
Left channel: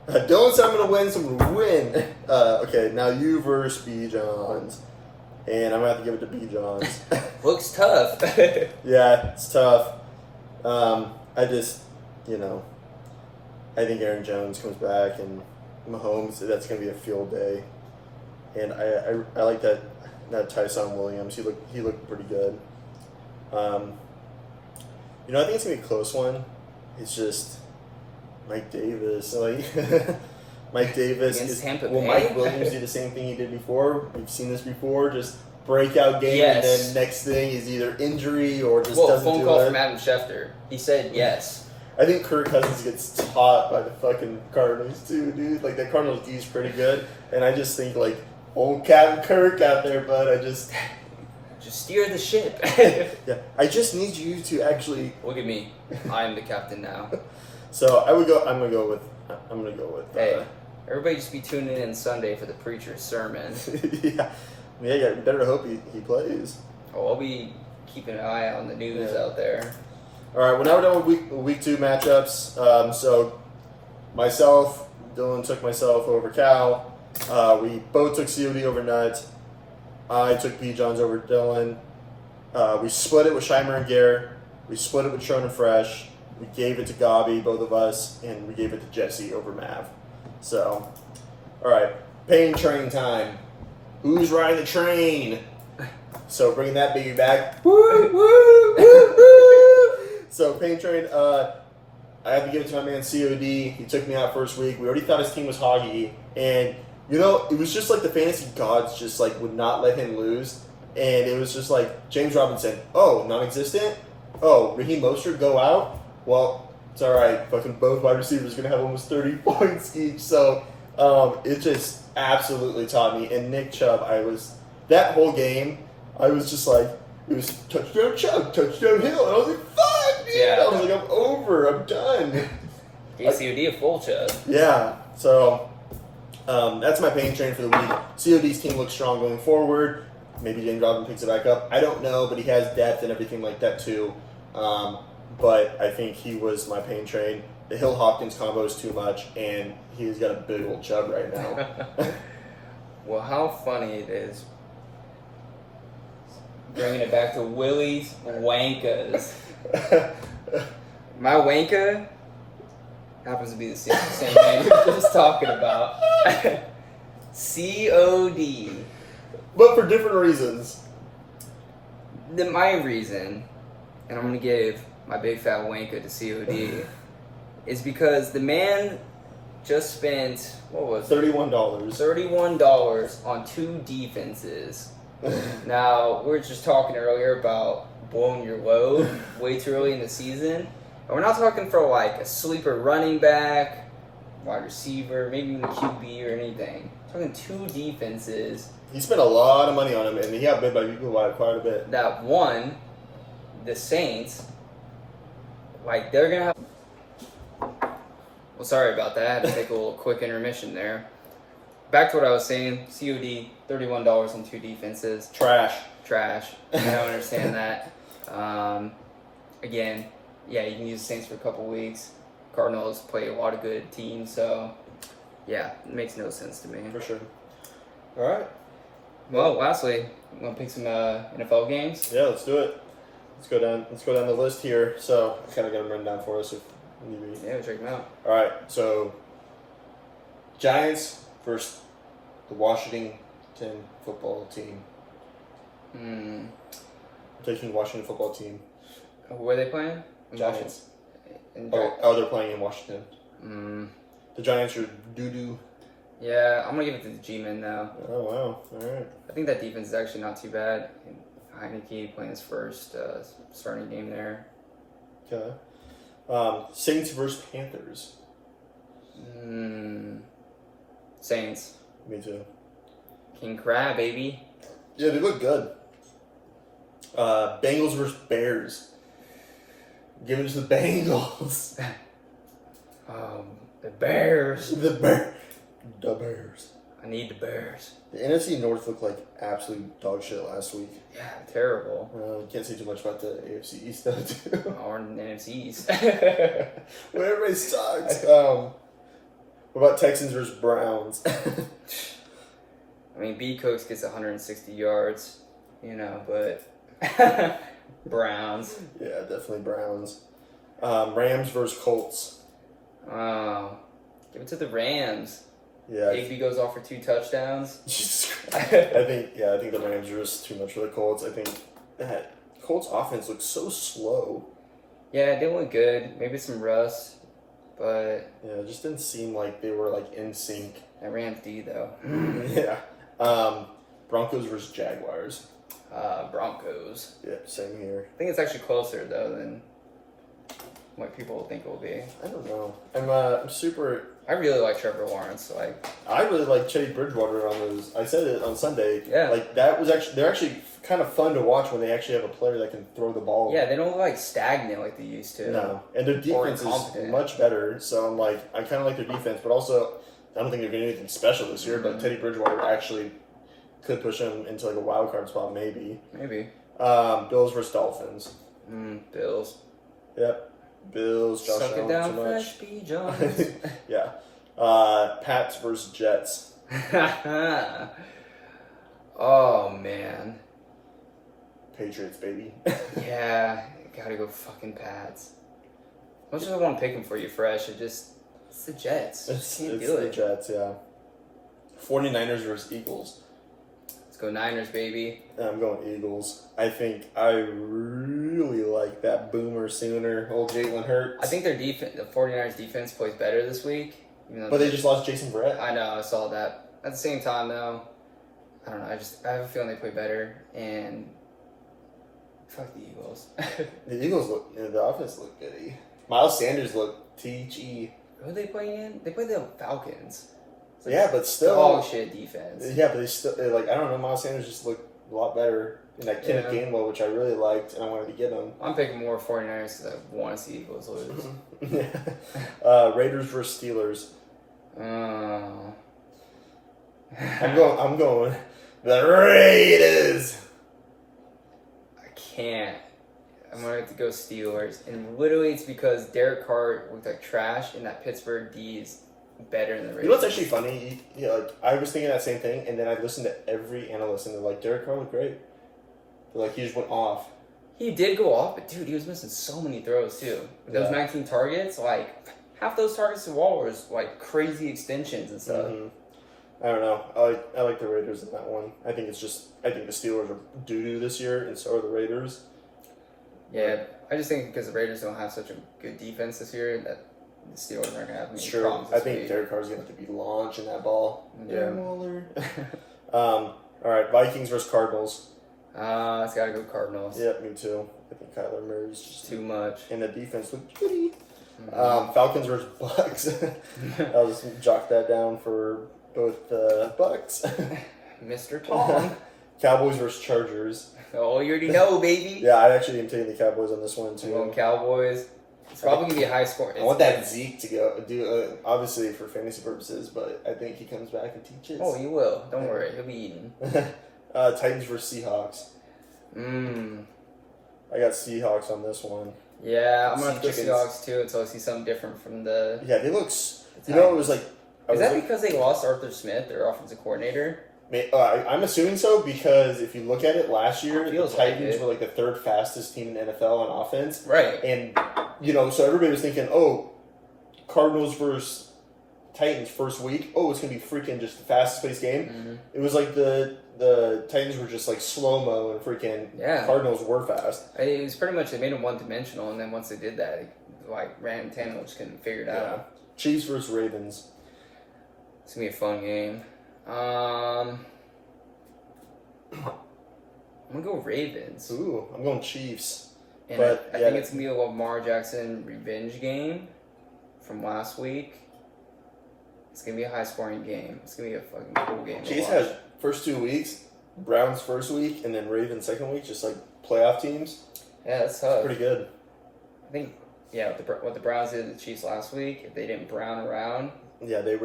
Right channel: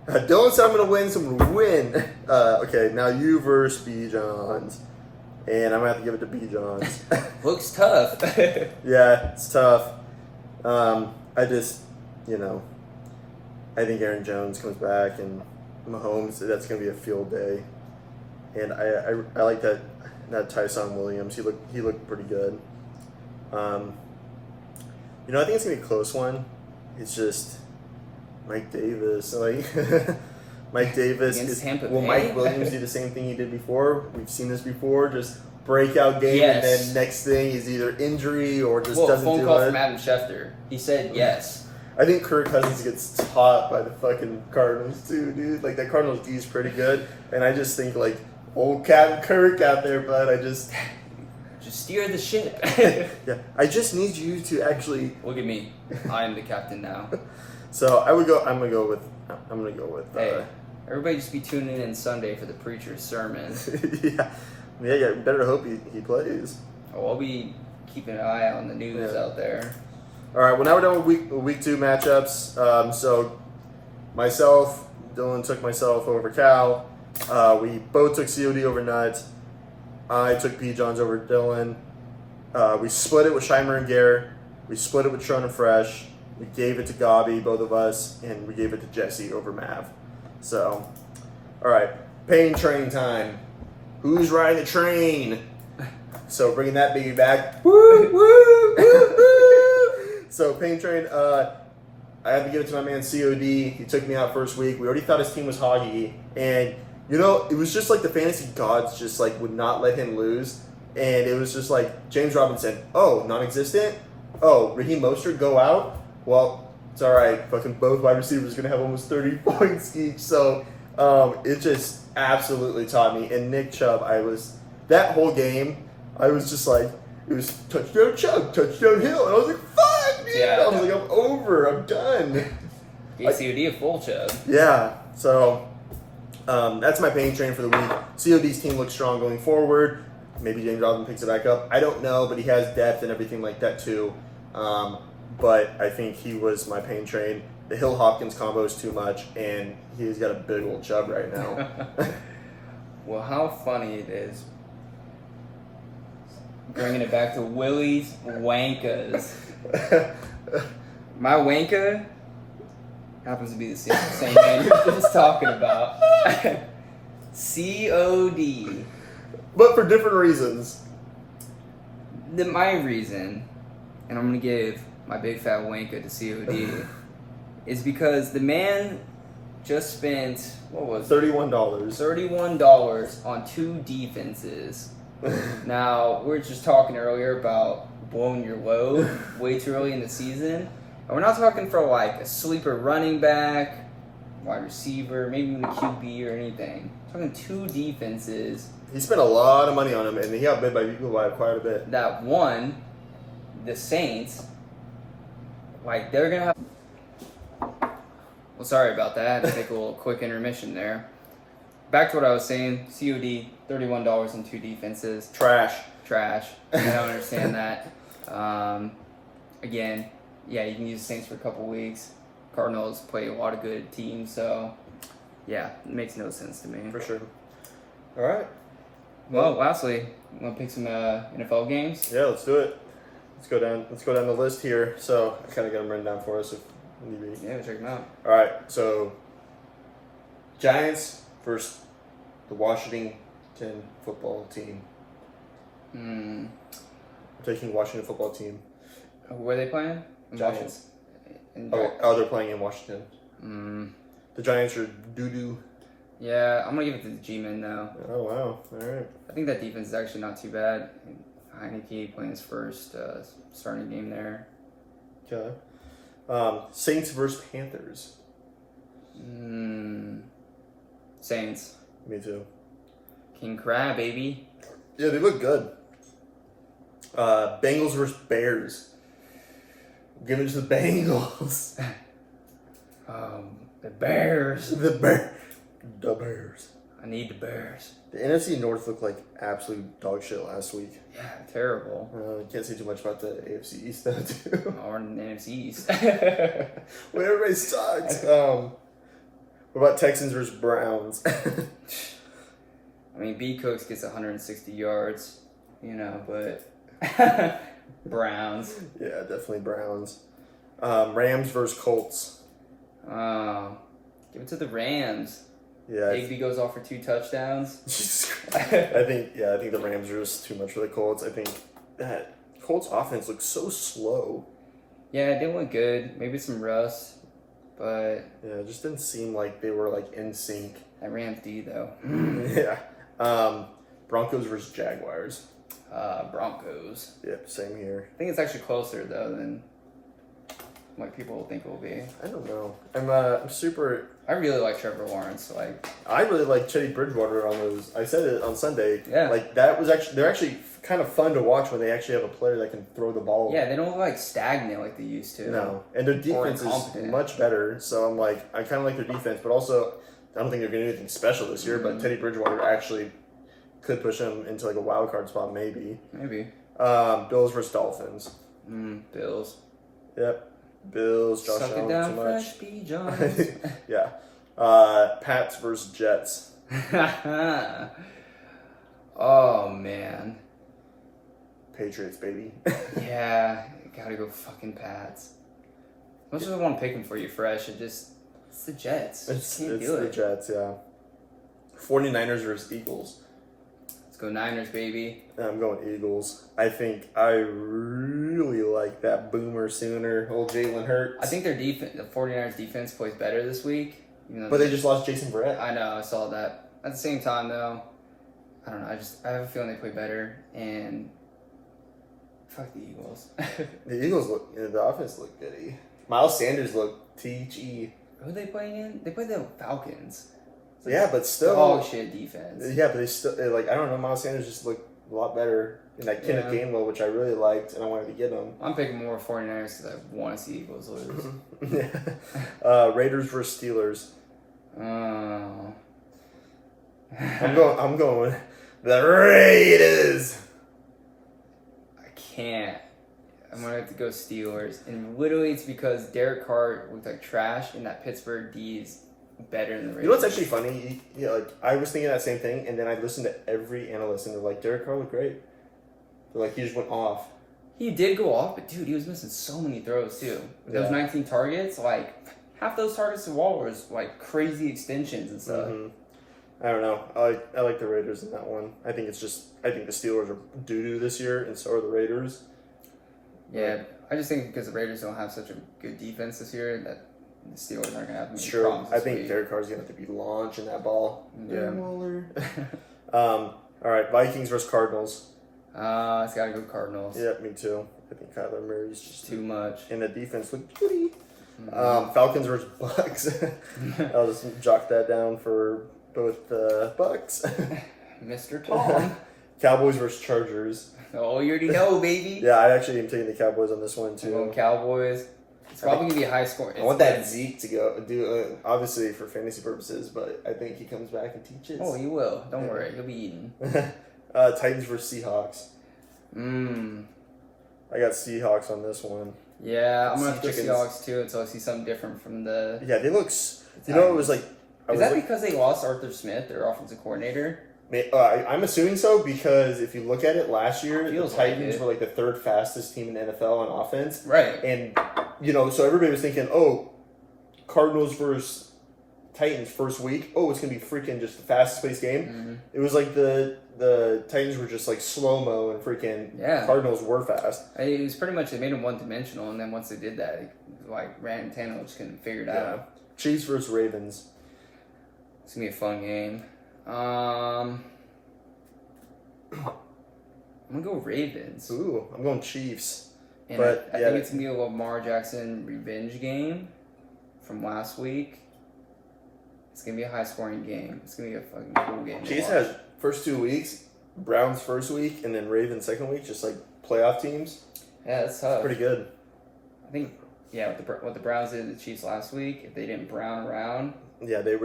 Family. Don't say I'm gonna win. So I'm gonna win. Okay, now you versus B Johns, and I'm gonna have to give it to B Johns. Looks tough. Yeah, it's tough. I just, I think Aaron Jones comes back and Mahomes. That's gonna be a field day, and I like that Tyson Williams. He looked pretty good. I think it's gonna be a close one. It's just Mike Davis. Like Mike Davis Against Tampa will Bay? Mike Williams do the same thing he did before? We've seen this before. Just breakout game, Yes. and then next thing is either injury or just Well, doesn't phone do call it. from Adam Schefter. He said yes. I think Kirk Cousins gets taught by the fucking Cardinals too, dude. Like the Cardinals D is pretty good, and I just think like old Captain Kirk out there, but I just Just steer the ship. yeah, I just need you to actually. Look at me. I am the captain now. So I'm gonna go with. Hey, everybody just be tuning in Sunday for the preacher's sermon. yeah. Better hope he plays. Oh, I'll be keeping an eye on the news Yeah. out there. All right. Well, now we're done with week 2 matchups. So myself, Dylan took myself over Cal. We both took COD over Nut. I took P. Johns over Dylan. We split it with Scheimer and Garrett. We split it with Tron and Fresh. We gave it to Gabi, both of us, and we gave it to Jesse over Mav. So, all right, pain train time. Who's riding the train? So bringing that baby back. Woo, woo, woo, woo. So pain train. I have to give it to my man COD. He took me out first week. We already thought his team was hoggy, and it was just like the fantasy gods just like would not let him lose. And it was just like James Robinson, oh, non-existent. Oh, Raheem Mostert go out. Well, it's all right. Fucking both wide receivers are gonna have almost 30 points each. So it just absolutely taught me. And Nick Chubb, that whole game, I was just like, it was touchdown Chubb, touchdown Hill, and I was like, fuck, dude. Yeah. I was like, I'm over. I'm done. KCOD a full chub. Yeah. So that's my pain train for the week. COD's team looks strong going forward. Maybe James Robinson picks it back up. I don't know, but he has depth and everything like that too. But I think he was my pain train. The Hill Hopkins combo is too much, and he's got a big old chub right now. Well, how funny it is. Bringing it back to Willie's Wankas. My Wanka happens to be the same man you were just talking about. COD. But for different reasons. My reason, and I'm going to give my big fat Wanka to COD, is because the man just spent, what was it? $31. $31 on 2 defenses. Now, we were just talking earlier about blowing your load way too early in the season. And we're not talking for like a sleeper running back, wide receiver, maybe even a QB or anything. We're talking 2 defenses He spent a lot of money on him, and he got bid by people by quite a bit. that won the Saints. Like, they're going to have... Well, sorry about that. I had to take a little quick intermission there. Back to what I was saying. COD, $31 on 2 defenses. Trash. I don't understand that. Again, yeah, you can use the Saints for a couple weeks. Cardinals play a lot of good teams, so yeah, it makes no sense to me. For sure. All right. Well, lastly, you want to pick some NFL games? Yeah, let's do it. Let's go down the list here. So I kind of got them written down for us if need be. Yeah, we'll check them out. All right. So Giants versus the Washington football team. I'm taking Washington football team. Who are they playing? Giants. And Oh, they're playing in Washington. The Giants are doo-doo. Yeah, I'm going to give it to the G-Men now. Oh, wow. All right. I think that defense is actually not too bad. Heineke playing his first starting game there. Okay. Saints versus Panthers. Saints. Me too. King Crab, baby. Yeah, they look good. Bengals versus Bears. Give it to the Bengals. The Bears. The Bears. I need the Bears. The NFC North looked like absolute dog shit last week. Yeah, terrible. Can't say too much about the AFC East though, too. Or in the NFC East. Well, everybody sucks. What about Texans versus Browns? I mean, B. Cooks gets 160 yards, but Browns. Yeah, definitely Browns. Rams versus Colts. Give it to the Rams. Yeah. Higby goes off for 2 touchdowns. I think the Rams are just too much for the Colts. I think that Colts offense looks so slow. Yeah, it didn't look good. Maybe some rust, but Yeah, it just didn't seem like they were like in sync. that Rams D though. Yeah. Broncos versus Jaguars. Broncos. Yeah, same here. I think it's actually closer though than what people think it will be. I don't know. I'm super. I really like Trevor Lawrence. I really like Teddy Bridgewater on those. I said it on Sunday. Yeah. Like that was actually they're actually kind of fun to watch when they actually have a player that can throw the ball. Yeah, they don't look stagnant like they used to. No, and their defense is incompetent. much better. So I'm like, I kind of like their defense, but also I don't think they're getting anything special this year. But Teddy Bridgewater actually could push them into like a wild card spot, maybe. Maybe. Bills versus Dolphins. Bills. Yep. Bills. Josh Suck it Allen down, too much. Fresh B. Jones. Yeah. Pats versus Jets. Oh man. Patriots, baby. Yeah, gotta go fucking Pats. As much as I want to pick them for you, Fresh, it's the Jets. It's Can't the do it. Jets, yeah. 49ers versus Eagles. Let's go Niners, baby. I'm going Eagles. I think I really like that Boomer Sooner, old Jalen Hurts. I think their defense, the 49ers defense, plays better this week. Even though But they just lost Jason Verrett. I know, I saw that. At the same time, though, I don't know. I have a feeling they play better, and fuck the Eagles. The Eagles the offense looked goody. Miles Sanders looked THE. Who are they playing in? They play the Falcons. Yeah, but still. Dog shit defense. Yeah, but they still, I don't know, Miles Sanders just looked a lot better in that Kenneth Gainwell, which I really liked, and I wanted to get him. I'm picking more 49ers because I want to see Eagles lose. Raiders versus Steelers. Oh. I'm going the Raiders. I can't. I'm going to have to go Steelers. And literally it's because Derek Carr looked like trash and that Pittsburgh D is better than the Raiders. You know what's actually funny? Like I was thinking that same thing, and then I listened to every analyst, and they're like, Derek Carr looked great. They're like, he just went off. He did go off, but dude, he was missing so many throws too. Those 19 targets, half those targets to Wall was crazy extensions and stuff. Mm-hmm. I don't know. I like the Raiders in that one. I think the Steelers are doo-doo this year, and so are the Raiders. Yeah, I just think because the Raiders don't have such a good defense this year that the Steelers aren't going to have many True. problems I this think week. Derek Carr's going to have to be launching that ball. Yeah. Waller. All right, Vikings versus Cardinals. It's got to go Cardinals. Yeah, me too. I think Kyler Murray's just Too much. and the defense looked goody. Falcons versus Bucks. I'll just jot that down for both Bucks. Mr. Tom. Cowboys versus Chargers. Oh, you already know, baby. Yeah, I actually am taking the Cowboys on this one I'm too. going Cowboys. It's probably going to be a high score. I want that Zeke to go do obviously for fantasy purposes, but I think he comes back and teaches. Oh, you will. Don't worry. You'll be eating. Titans versus Seahawks. I got Seahawks on this one. Yeah, I'm going to have to go Chickens. Seahawks too until I see something different from the... Yeah, they look. You know, it was like. Is that because they lost Arthur Smith, their offensive coordinator? I'm assuming so because if you look at it last year, the Feels Titans like it. were the third fastest team in the NFL on offense. Right. And, so everybody was thinking, Cardinals versus Titans first week. Oh, it's going to be freaking just the fastest paced game. Mm-hmm. It was like the Titans were just slow-mo and freaking Cardinals were fast. It was pretty much, they made them one-dimensional, and then once they did that, Ryan Tannehill just couldn't figure it out. Chiefs versus Ravens. It's going to be a fun game. I'm going to go Ravens. Ooh, I'm going Chiefs. And But, I think it's going to be a Lamar Jackson revenge game from last week. It's going to be a high-scoring game. It's going to be a fucking cool game. Chiefs has first 2 weeks, Browns first week, and then Ravens second week, just like playoff teams. Yeah, that's tough. Pretty good. I think yeah, what the Browns did to the Chiefs last week, if they didn't brown around. Yeah, they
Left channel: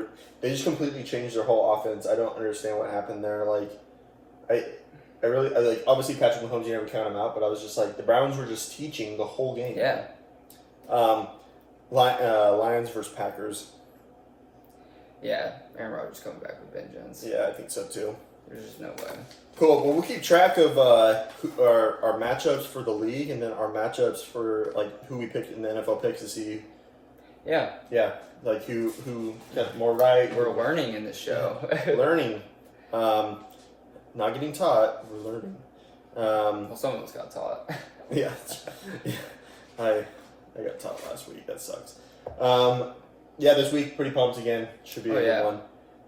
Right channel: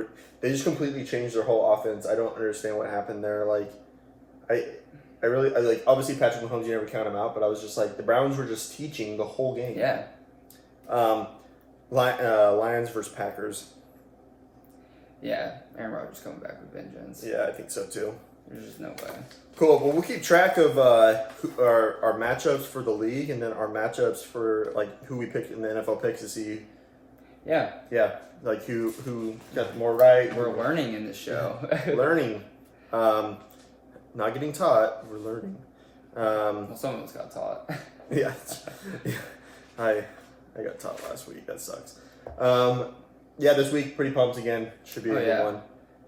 just completely changed their whole offense. I don't understand what happened there. Like, I really like obviously Patrick Mahomes. You never count him out, but I was just like the Browns were just teaching the whole game. Yeah. Lions versus Packers. Yeah, Aaron Rodgers coming back with vengeance. Yeah, I think so too. There's just no way. Cool. Well, we'll keep track of our matchups for the league, and then our matchups for like who we pick in the NFL picks to see. Yeah. Yeah, like who got more right. We're learning in this show. Learning. Not getting taught. We're learning. Well, some of us got taught. Yeah. I got taught last week. That sucks. Yeah, this week pretty pumped again. Should be a good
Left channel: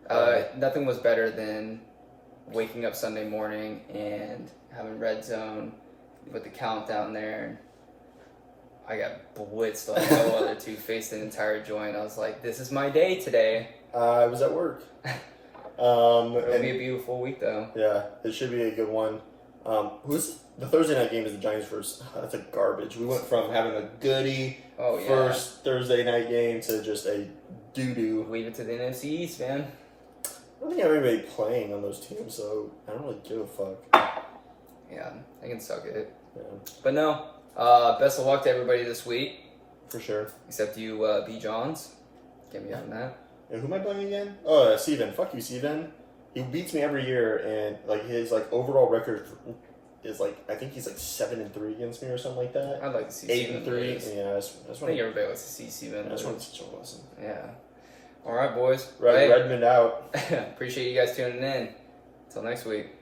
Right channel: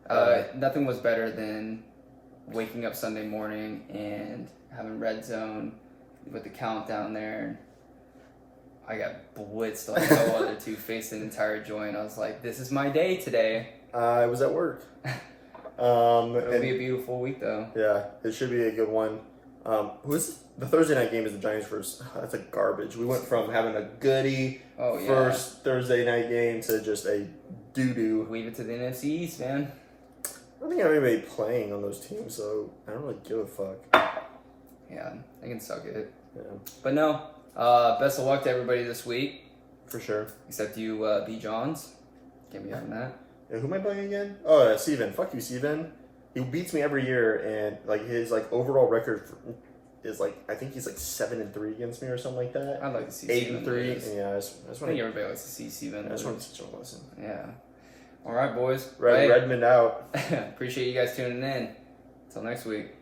one. Nothing was better than waking up Sunday morning and having Red Zone with the countdown there. I got blitzed like no other two, faced the entire joint. I was like, this is my day today. I was at work. It'll be a beautiful week though. Yeah, it should be a good one. The Thursday night game is the Giants versus. That's a garbage. We went from having a goody first Thursday night game to just a doo-doo. Leave it to the NFC East, man. I don't think I have anybody playing on those teams, so I don't really give a fuck. Yeah, they can suck it. Yeah. But no, best of luck to everybody this week. For sure. Except you, B. Johns. Can't be having that. Who am I playing again? Oh, Steven. Fuck you, Steven. He beats me every year, and like his like overall record is like I think he's like 7-3 against me or something like that. I'd like to see 8-3. lose. Yeah, I think everybody likes to see Steven. I just want to teach him a lesson. Yeah. All right, boys. Redmond out. Appreciate you guys tuning in. Until next week.